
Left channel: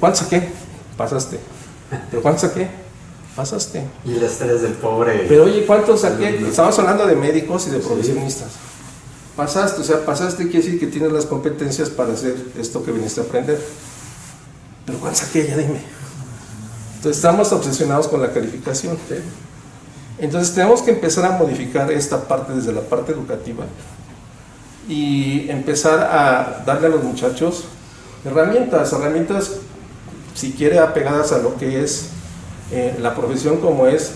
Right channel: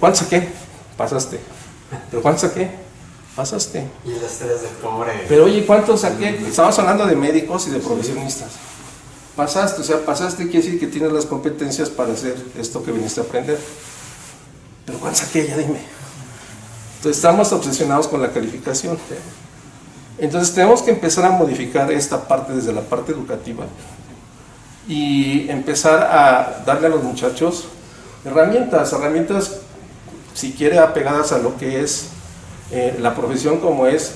¿cuánto saqué? Pasaste. ¿Pero cuánto saqué? Pasaste. Y el estrés del pobre. Pero oye, ¿cuánto saqué? Estamos hablando de médicos y de profesionistas. Pasaste, o sea, pasaste quiere decir que tienes las competencias para hacer esto que viniste a aprender. Pero ¿cuánto saqué? Ya dime. Entonces estamos obsesionados con la calificación. Entonces tenemos que empezar a modificar esta parte desde la parte educativa y empezar a darle a los muchachos herramientas, si quiere apegadas a lo que es la profesión, como es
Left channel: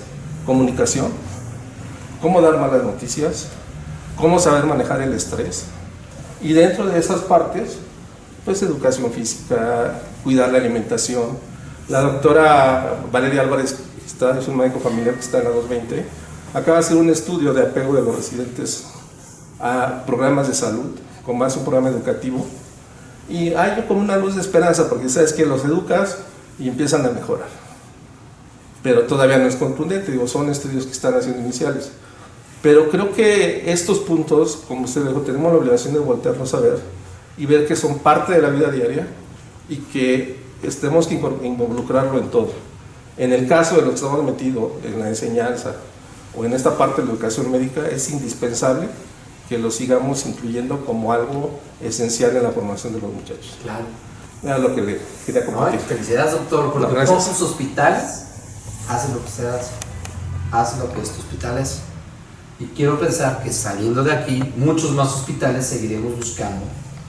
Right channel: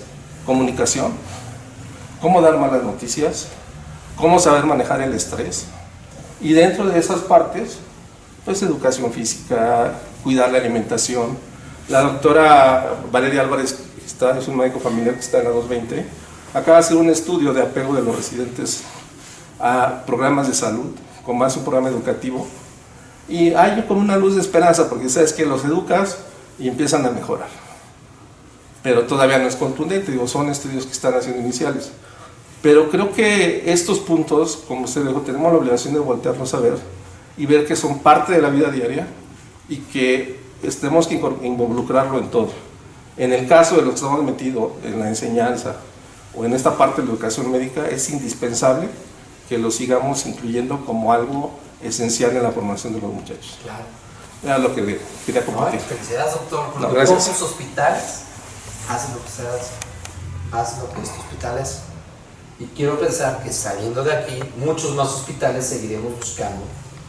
comunicación, cómo dar malas noticias, cómo saber manejar el estrés, y dentro de esas partes pues educación física, cuidar la alimentación. La doctora Valeria Álvarez, es un médico familiar que está en la 220, acaba de hacer un estudio de apego de los residentes a programas de salud, con más un programa educativo, y hay como una luz de esperanza, porque sabes que los educas y empiezan a mejorar, pero todavía no es contundente, son estudios que están haciendo iniciales, pero creo que estos puntos, como usted dijo, tenemos la obligación de voltearnos a ver y ver que son parte de la vida diaria y que tenemos que involucrarlo en todo. En el caso de los que estamos metidos en la enseñanza o en esta parte de la educación médica, es indispensable que lo sigamos incluyendo como algo esencial en la formación de los muchachos. Claro. Era lo que le quería compartir. Felicidades, doctor, porque gracias. pocos hospitales hacen lo que se hace, hacen lo que estos hospitales, y quiero pensar que saliendo de aquí, muchos más hospitales seguiremos buscando,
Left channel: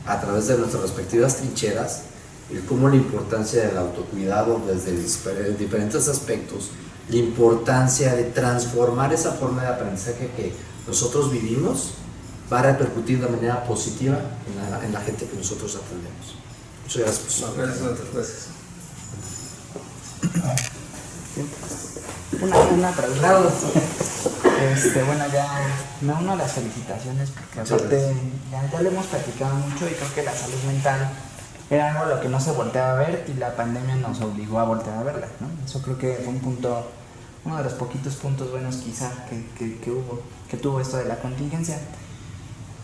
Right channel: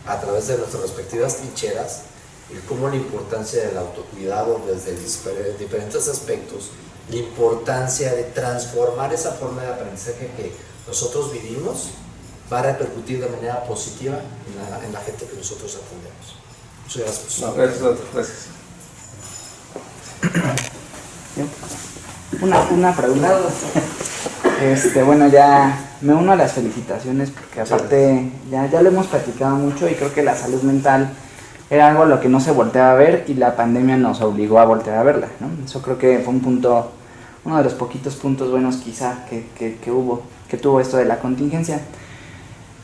a través de nuestras respectivas trincheras, el cómo la importancia del autocuidado desde diferentes aspectos, la importancia de transformar esa forma de aprendizaje que nosotros vivimos va a repercutir de manera positiva en la gente que nosotros atendemos. Muchas gracias. No, gracias. Una pregunta. Bueno, ya me uno a las felicitaciones porque aparte ya lo hemos platicado mucho y creo que la salud mental era algo a lo que no se volteaba a ver y la pandemia nos obligó a voltear a verla, ¿no? Eso creo que fue uno de los poquitos puntos buenos quizá que tuvo esto de la contingencia.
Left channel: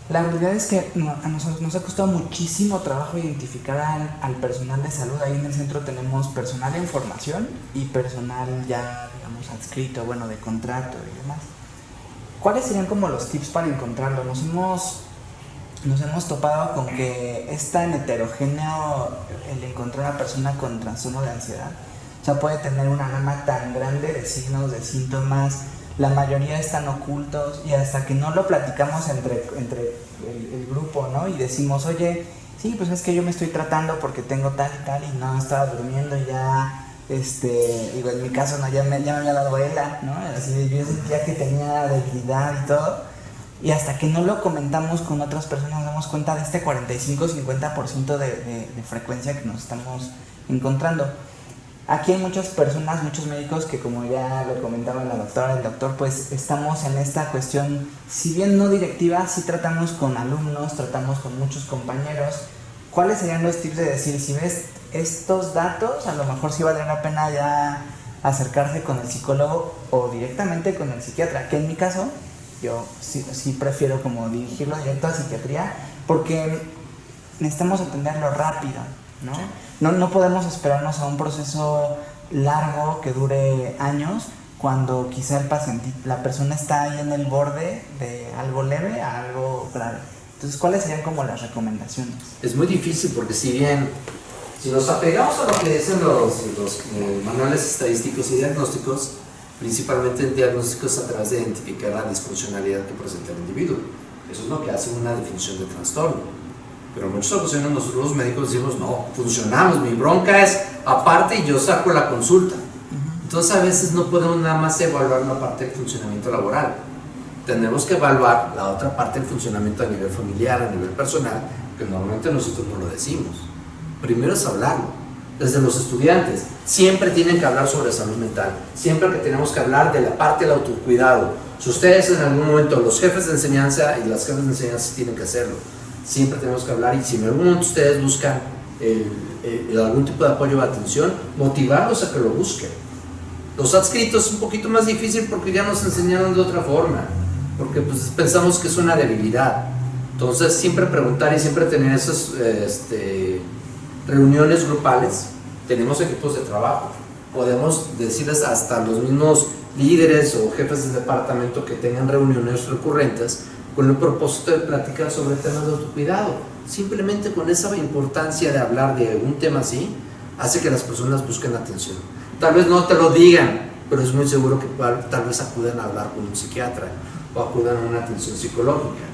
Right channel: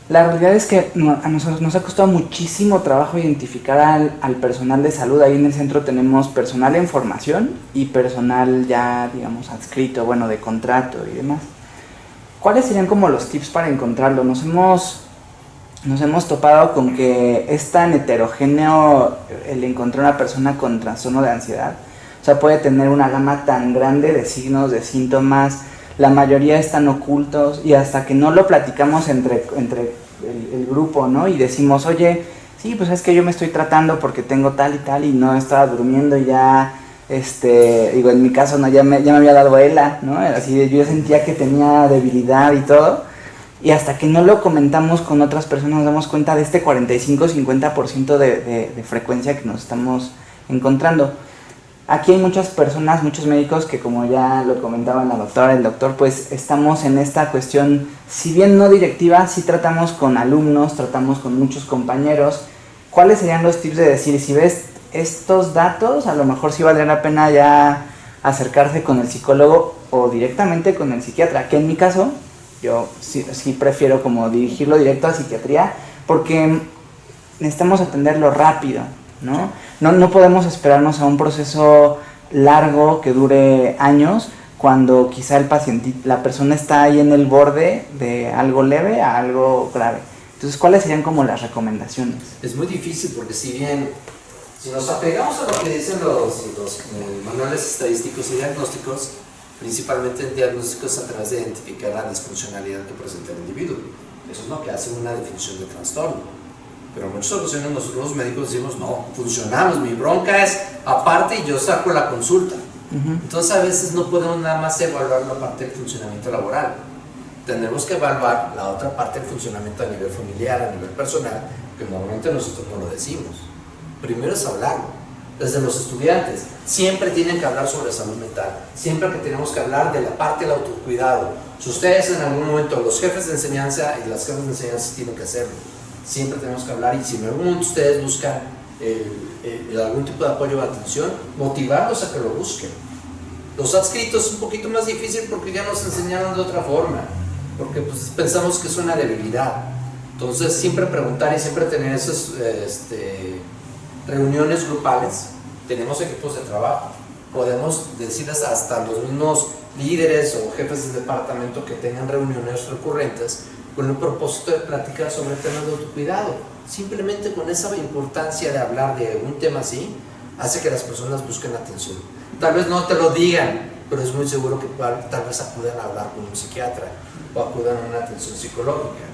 La realidad es que a nosotros nos ha costado muchísimo trabajo identificar al personal de salud. Ahí en el centro tenemos personal en formación y personal ya, digamos, adscrito, bueno, de contrato y demás. ¿Cuáles serían como los tips para encontrarlo? Nos hemos topado con que es tan heterogéneo el encontrar una persona con trastorno de ansiedad. O sea, puede tener una gama tan grande de signos, de síntomas. La mayoría están ocultos y hasta que no lo platicamos entre el grupo, ¿no? Y decimos, oye, sí, pues es que yo me estoy tratando porque tengo tal y tal y no estaba durmiendo y ya, digo, en mi caso no, ya me había dado ELA, ¿no? Así yo sentía que tenía debilidad y todo. Y hasta que no lo comentamos con otras personas nos damos cuenta de este 45-50% de frecuencia que nos estamos encontrando. Aquí hay muchas personas, muchos médicos que, como ya lo comentaba la doctora, el doctor, pues estamos en esta cuestión, si bien no directiva, sí tratamos con alumnos, tratamos con muchos compañeros. ¿Cuáles serían los tips de decir, si ves estos datos, a lo mejor sí valdría la pena ya acercarse con el psicólogo o directamente con el psiquiatra? Que en mi caso, yo sí prefiero como dirigirlo directo a psiquiatría porque necesitamos atenderlo rápido, ¿no? No podemos esperarnos a un proceso largo que dure años cuando quizá el paciente, la persona está ahí en el borde de algo leve a algo grave. Entonces, ¿cuáles serían como las recomendaciones? Es muy difícil porque si nos apegamos a lo que dicen los manuales estadísticos y diagnósticos, principalmente en diagnósticos a través de identificar la disfuncionalidad que presenta el individuo. Eso es lo que hace una definición de trastorno. Pero en muchas ocasiones nosotros los médicos decimos, no, funcionamos, mi bronca es aparte y yo saco la consulta. Entonces a veces no podemos nada más evaluar la parte del funcionamiento laboral. Tenemos que evaluar la otra parte del funcionamiento a nivel familiar, a nivel personal, que normalmente nosotros no lo decimos. Primero es hablarlo. Desde los estudiantes, siempre tienen que hablar sobre salud mental, siempre que tenemos que hablar de la parte del autocuidado. Si ustedes en algún momento, los jefes de enseñanza y las jefes de enseñanza tienen que hacerlo, siempre tenemos que hablar y si en algún momento ustedes buscan algún tipo de apoyo o atención, motivarlos a que lo busquen. Los adscritos es un poquito más difícil porque ya nos enseñaron de otra forma, porque pues, pensamos que es una debilidad. Entonces siempre preguntar y siempre tener esas reuniones grupales. Tenemos equipos de trabajo, podemos decirles hasta los mismos líderes o jefes de departamento que tengan reuniones recurrentes con el propósito de platicar sobre temas de autocuidado. Simplemente con esa importancia de hablar de un tema así, hace que las personas busquen atención. Tal vez no te lo digan, pero es muy seguro que tal vez acudan a hablar con un psiquiatra o acudan a una atención psicológica.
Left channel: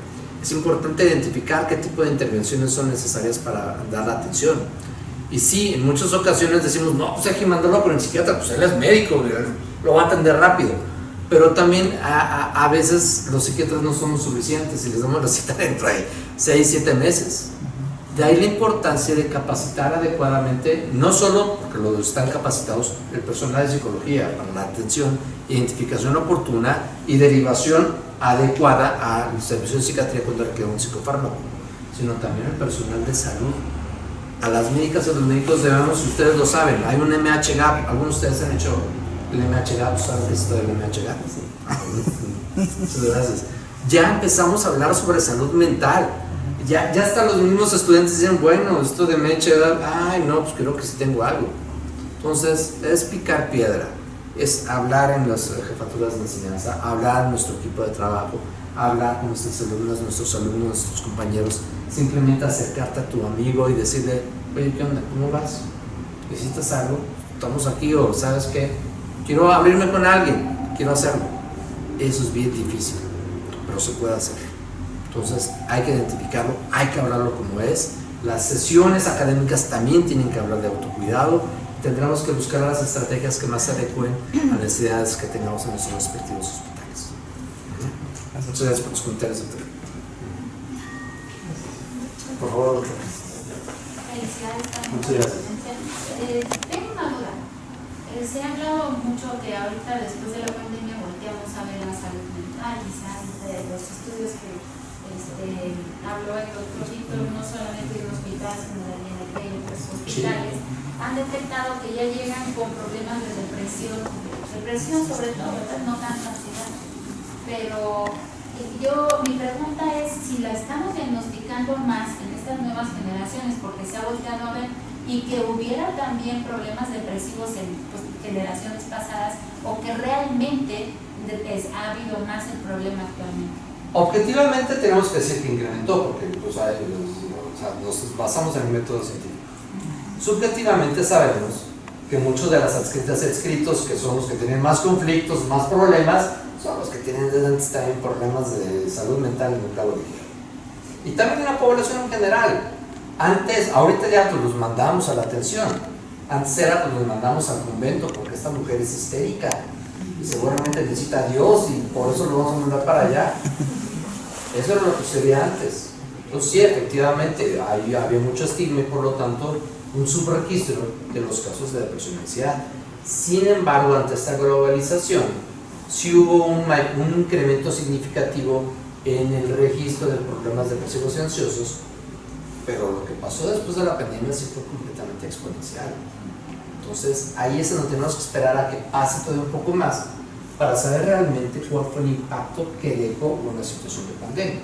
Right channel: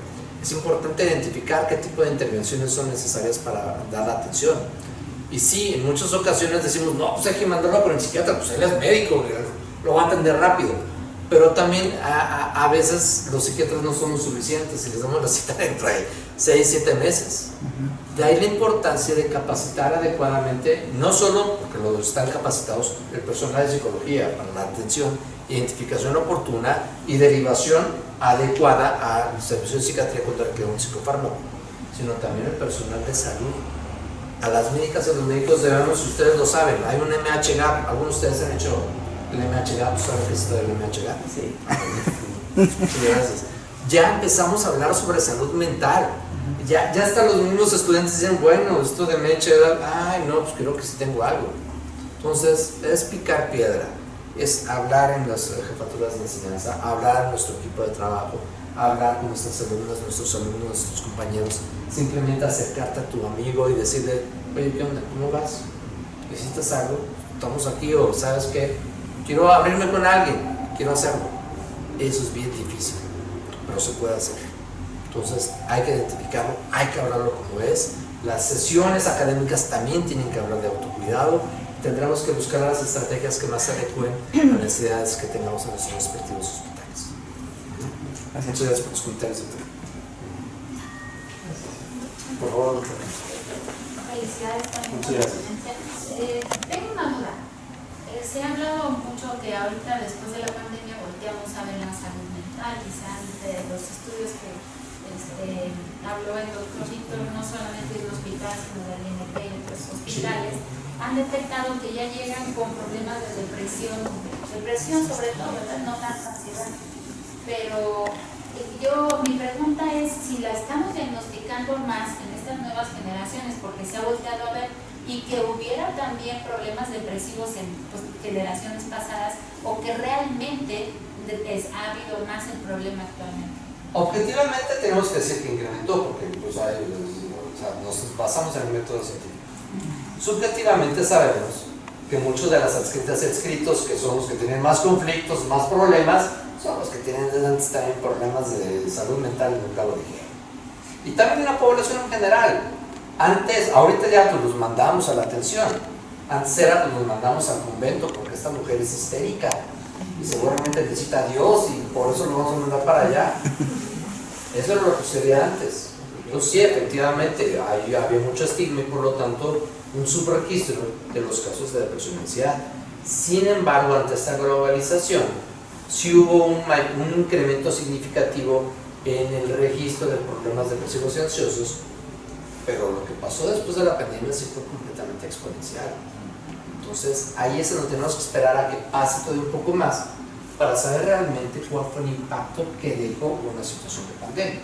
Es importante identificar qué tipo de intervenciones son necesarias para dar atención. Y sí, en muchas ocasiones decimos, no, pues hay que mandarlo con el psiquiatra, pues él es médico, lo va a atender rápido. Pero también a veces los psiquiatras no somos suficientes y les damos la cita dentro de 6-7 meses. De ahí la importancia de capacitar adecuadamente, no solo porque lo están capacitados el personal de psicología para la atención, identificación oportuna y derivación adecuada al servicio de psiquiatría cuando requiere un psicofármaco, sino también el personal de salud. A las médicas y a los médicos debemos, ustedes lo saben, hay un MH-Gap, algunos de ustedes han hecho el MH-Gap, ¿saben qué es esto del MH-Gap? Sí. Muchas gracias. Ya empezamos a hablar sobre salud mental. Ya hasta los mismos estudiantes dicen, bueno, esto de MH-Gap, ay no, pues creo que sí tengo algo. Entonces, es picar piedra, es hablar en las jefaturas de enseñanza, hablar en nuestro equipo de trabajo, hablar con nuestros alumnos, nuestros compañeros, simplemente acercarte a tu amigo y decirle, oye, ¿qué onda? ¿Cómo vas? ¿Necesitas algo? ¿Estamos aquí? O ¿sabes qué? Quiero abrirme con alguien, quiero hacerlo. Eso es bien difícil, pero se puede hacer. Entonces hay que identificarlo, hay que hablarlo como es. Las sesiones académicas también tienen que hablar de autocuidado. Tendremos que buscar las estrategias que más se adecuen a las necesidades que tengamos en nuestros respectivos hospitales. Muchas gracias por tus comentarios, doctor. Por favor. Felicidades también. Muchas gracias. Tengo una duda. Se ha hablado mucho que ahorita después de la pandemia volteamos a ver la salud mental, quizás de los estudios que habló el doctor Víctor, no solamente de un hospital, sino del INP y otros hospitales, han detectado que ya llegan con problemas de depresión sobre todo, ¿verdad? No tanta ansiedad. Pero mi pregunta es si la estamos diagnosticando más en estas nuevas generaciones, porque se ha volteado a ver, y que hubiera también problemas depresivos en generaciones pasadas, o que realmente ha habido más el problema actualmente. Objetivamente tenemos que decir que incrementó, porque pues, nos basamos en el método científico. Subjetivamente sabemos que muchos de las adscritos, que son los que tienen más conflictos, más problemas, son los que tienen desde antes también problemas de salud mental y mental ligero. Y también en la población en general. Antes, ahorita ya pues los mandamos a la atención. Antes era pues los mandamos al convento porque esta mujer es histérica y seguramente necesita a Dios y por eso lo vamos a mandar para allá. Eso era lo que sucedía antes. Entonces sí, efectivamente, ahí había mucho estigma y por lo tanto un subregistro de los casos de depresión y ansiedad. Sin embargo, ante esta globalización, sí hubo un incremento significativo en el registro de problemas depresivos y ansiosos, pero lo que pasó después de la pandemia sí fue completamente exponencial. Entonces, ahí es donde tenemos que esperar a que pase todo un poco más para saber realmente cuál fue el impacto que dejó una situación de pandemia.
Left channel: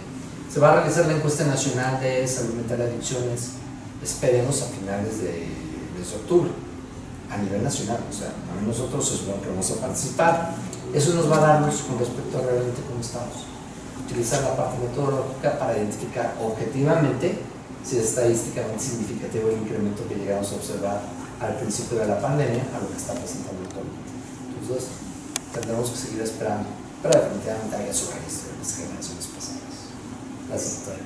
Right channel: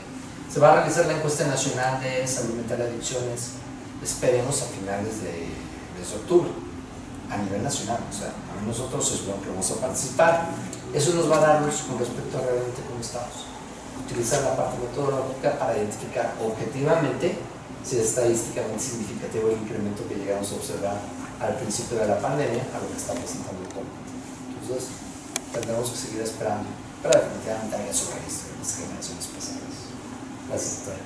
Se va a realizar la encuesta nacional de salud mental y adicciones, esperemos a finales de octubre, a nivel nacional. O sea, también nosotros es bueno que vamos a participar. Eso nos va a dar luz con respecto a realmente cómo estamos. Utilizar la parte metodológica para identificar objetivamente si es estadísticamente significativo el incremento que llegamos a observar al principio de la pandemia a lo que está presentando actualmente. Entonces, tendremos que seguir esperando, pero definitivamente haya su registro en las generaciones pasadas. Gracias, doctora.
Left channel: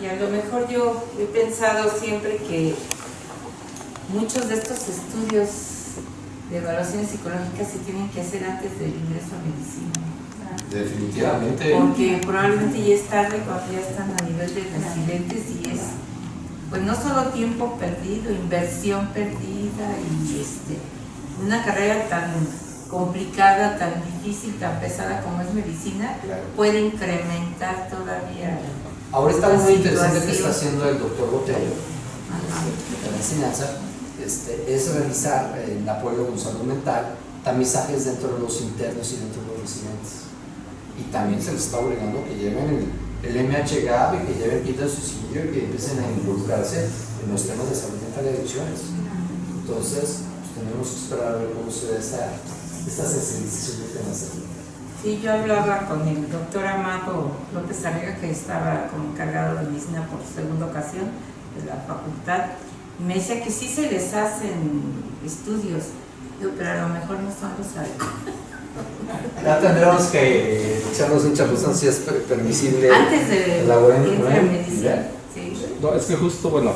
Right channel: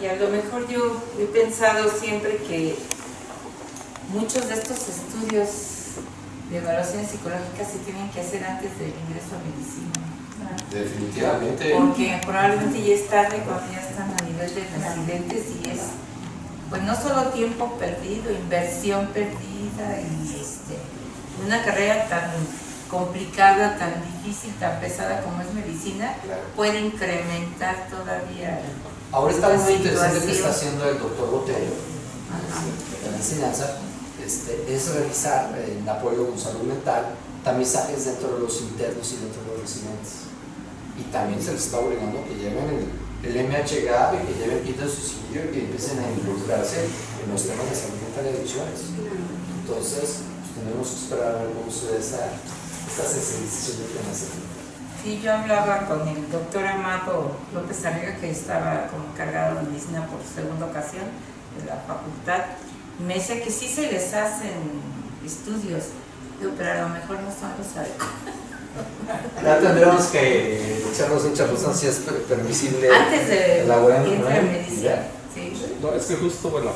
Y a lo mejor yo he pensado siempre que muchos de estos estudios de evaluaciones psicológicas se tienen que hacer antes del ingreso a medicina. Definitivamente. Porque probablemente ya es tarde cuando ya están a nivel de residentes y es, pues no solo tiempo perdido, inversión perdida y una carrera tan complicada, tan difícil, tan pesada como es medicina, Claro. puede incrementar todavía. Ahora está muy interesante que situación. está haciendo el doctor Botello de la enseñanza, es realizar en apoyo con salud mental tamizajes dentro de los internos y dentro de los residentes. Y también se les está obligando que lleven el MHGAP y que lleven kit de suicidio y que empiecen a involucrarse en los temas de salud mental y adicciones. Entonces, pues, tenemos que esperar a ver cómo se da esta sensibilización de temas de salud mental. Sí, yo hablaba con el doctor Amado López Arriaga, que estaba como encargado de medicina por segunda ocasión de la facultad, y me decía que sí se les hacen estudios, digo, pero a lo mejor no son los adecuados. Ya tendremos que echarnos un chapuzón si es permisible. Antes de elaborar que entre en ¿no? medicina. Ya. Sí. No, es que justo, bueno,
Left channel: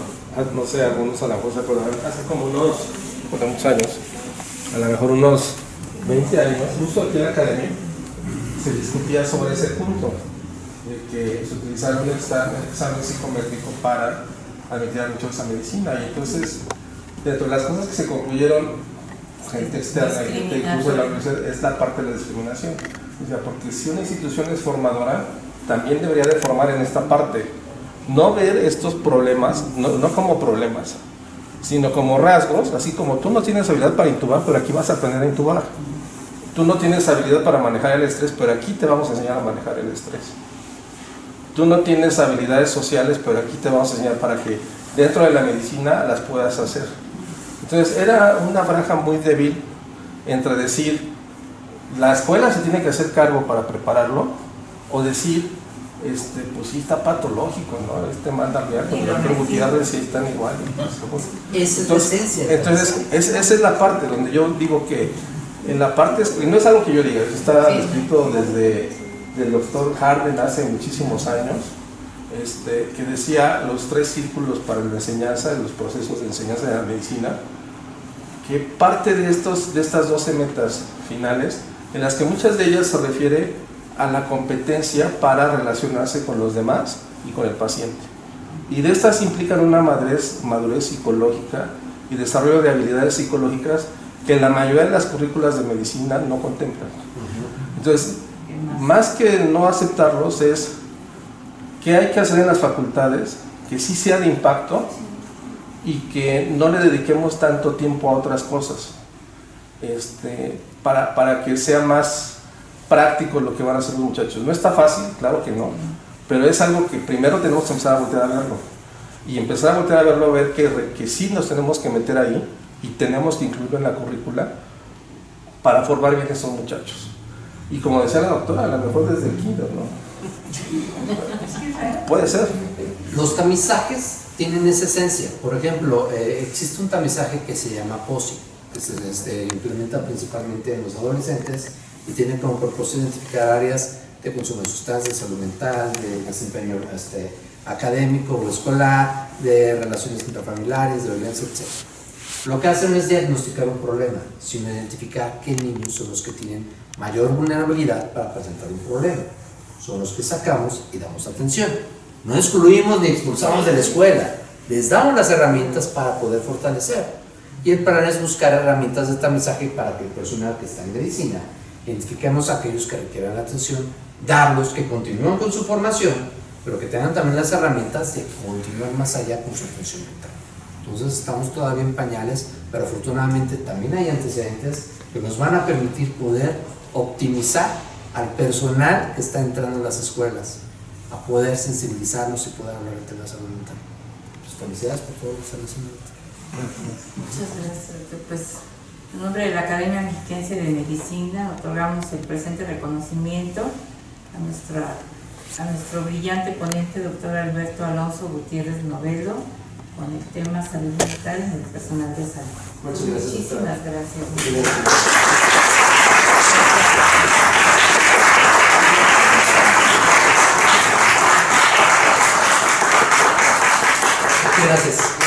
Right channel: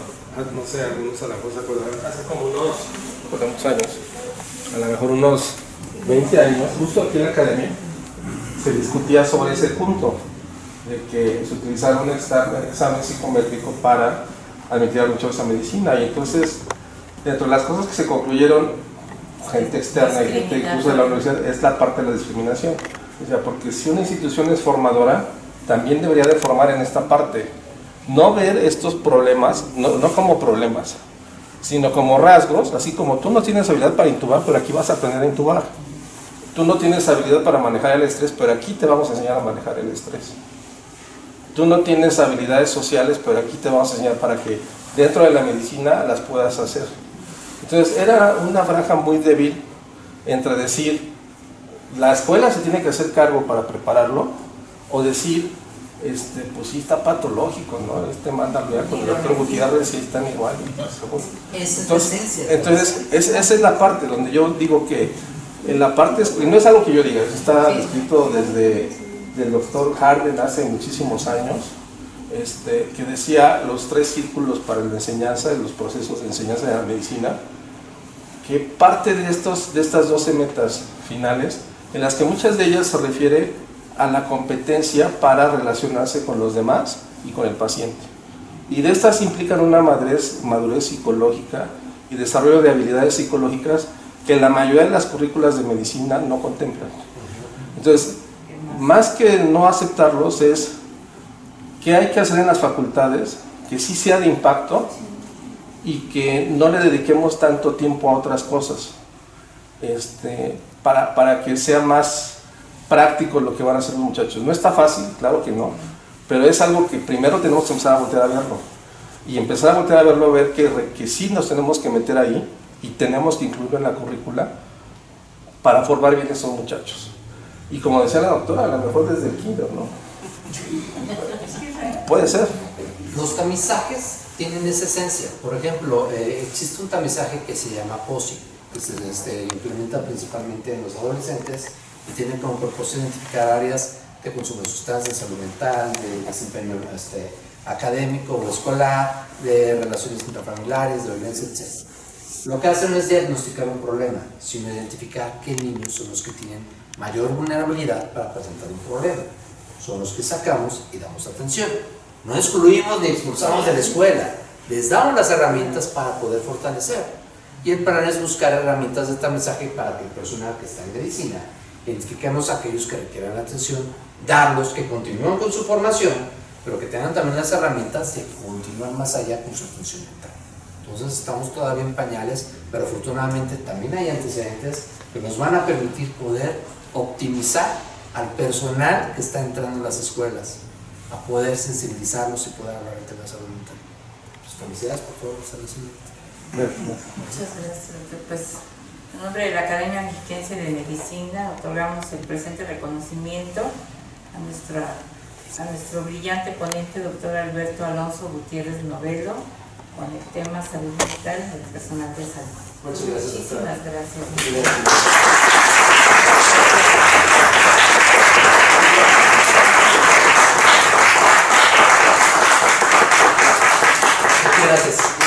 no sé, algunos a lo mejor se acuerdan, hace como muchos años, a lo mejor unos 20 años, justo aquí en la academia, se discutía sobre ese punto, de que se utilizara un examen psicométrico para admitir a muchos a medicina, y entonces, dentro de las cosas que se concluyeron, gente externa y gente incluso de la universidad, es la parte de la discriminación. O sea, porque si una institución es formadora, también debería de formar en esta parte. No ver estos problemas, no como problemas, sino como rasgos, así como tú no tienes habilidad para intubar, pero aquí vas a aprender a intubar. Tú no tienes habilidad para manejar el estrés, pero aquí te vamos a enseñar a manejar el estrés. Tú no tienes habilidades sociales, pero aquí te vamos a enseñar para que dentro de la medicina las puedas hacer. Entonces era una franja muy débil entre decir, la escuela se tiene que hacer cargo para prepararlo, o decir, pues sí está patológico, ¿no? Mándalo ya con el doctor Gutiérrez, sí están igual. Esa es la esencia. Entonces, esa es la parte donde yo digo que en la parte, y no es algo que yo diga, eso está escrito desde el doctor Harden hace muchísimos años, que decía los 3 círculos para la enseñanza, de los procesos de enseñanza de la medicina, que parte de estas 12 metas finales en las que muchas de ellas se refiere a la competencia para relacionarse con los demás y con el paciente. Y de estas implican una madurez psicológica y desarrollo de habilidades psicológicas que la mayoría de las currículas de medicina no contemplan. Entonces, más que no aceptarlos, es qué hay que hacer en las facultades que sí sea de impacto y que no le dediquemos tanto tiempo a otras cosas, para que sea más práctico lo que van a hacer los muchachos. No está fácil, claro que no, pero es algo que primero tenemos que empezar a voltear a verlo y empezar a voltear a verlo, a ver que sí nos tenemos que meter ahí y tenemos que incluirlo en la currícula para formar bien a esos muchachos. Y como decía la doctora, a lo mejor desde el kinder, ¿no? Puede ser. Los tamizajes tienen esa esencia. Por ejemplo, existe un tamizaje que se llama POSI, que se implementa principalmente en los adolescentes y tiene como propósito identificar áreas de consumo de sustancias, de salud mental, de desempeño académico o escolar, de relaciones intrafamiliares, de violencia, etc. Lo que hacen no es diagnosticar un problema, sino identificar qué niños son los que tienen mayor vulnerabilidad para presentar un problema. Son los que sacamos y damos atención. No excluimos ni expulsamos de la escuela, les damos las herramientas para poder fortalecer. Y el plan es buscar herramientas de tamizaje para que el personal que está en medicina identifiquemos a aquellos que requieran la atención, darlos, que continúen con su formación, pero que tengan también las herramientas de continuar más allá con su atención mental. Entonces estamos todavía en pañales, pero afortunadamente también hay antecedentes que nos van a permitir poder optimizar al personal que está entrando en las escuelas, a poder sensibilizarlos y poder hablar de la salud mental. Pues felicidades por favor, Muchas gracias. Pues en nombre de la Academia Mexiquense de Medicina otorgamos el presente reconocimiento a nuestro brillante ponente, doctor Alberto Alonso Gutiérrez Novelo, con el tema salud mental en el personal de salud. Muchas gracias. Muchísimas gracias. Gracias.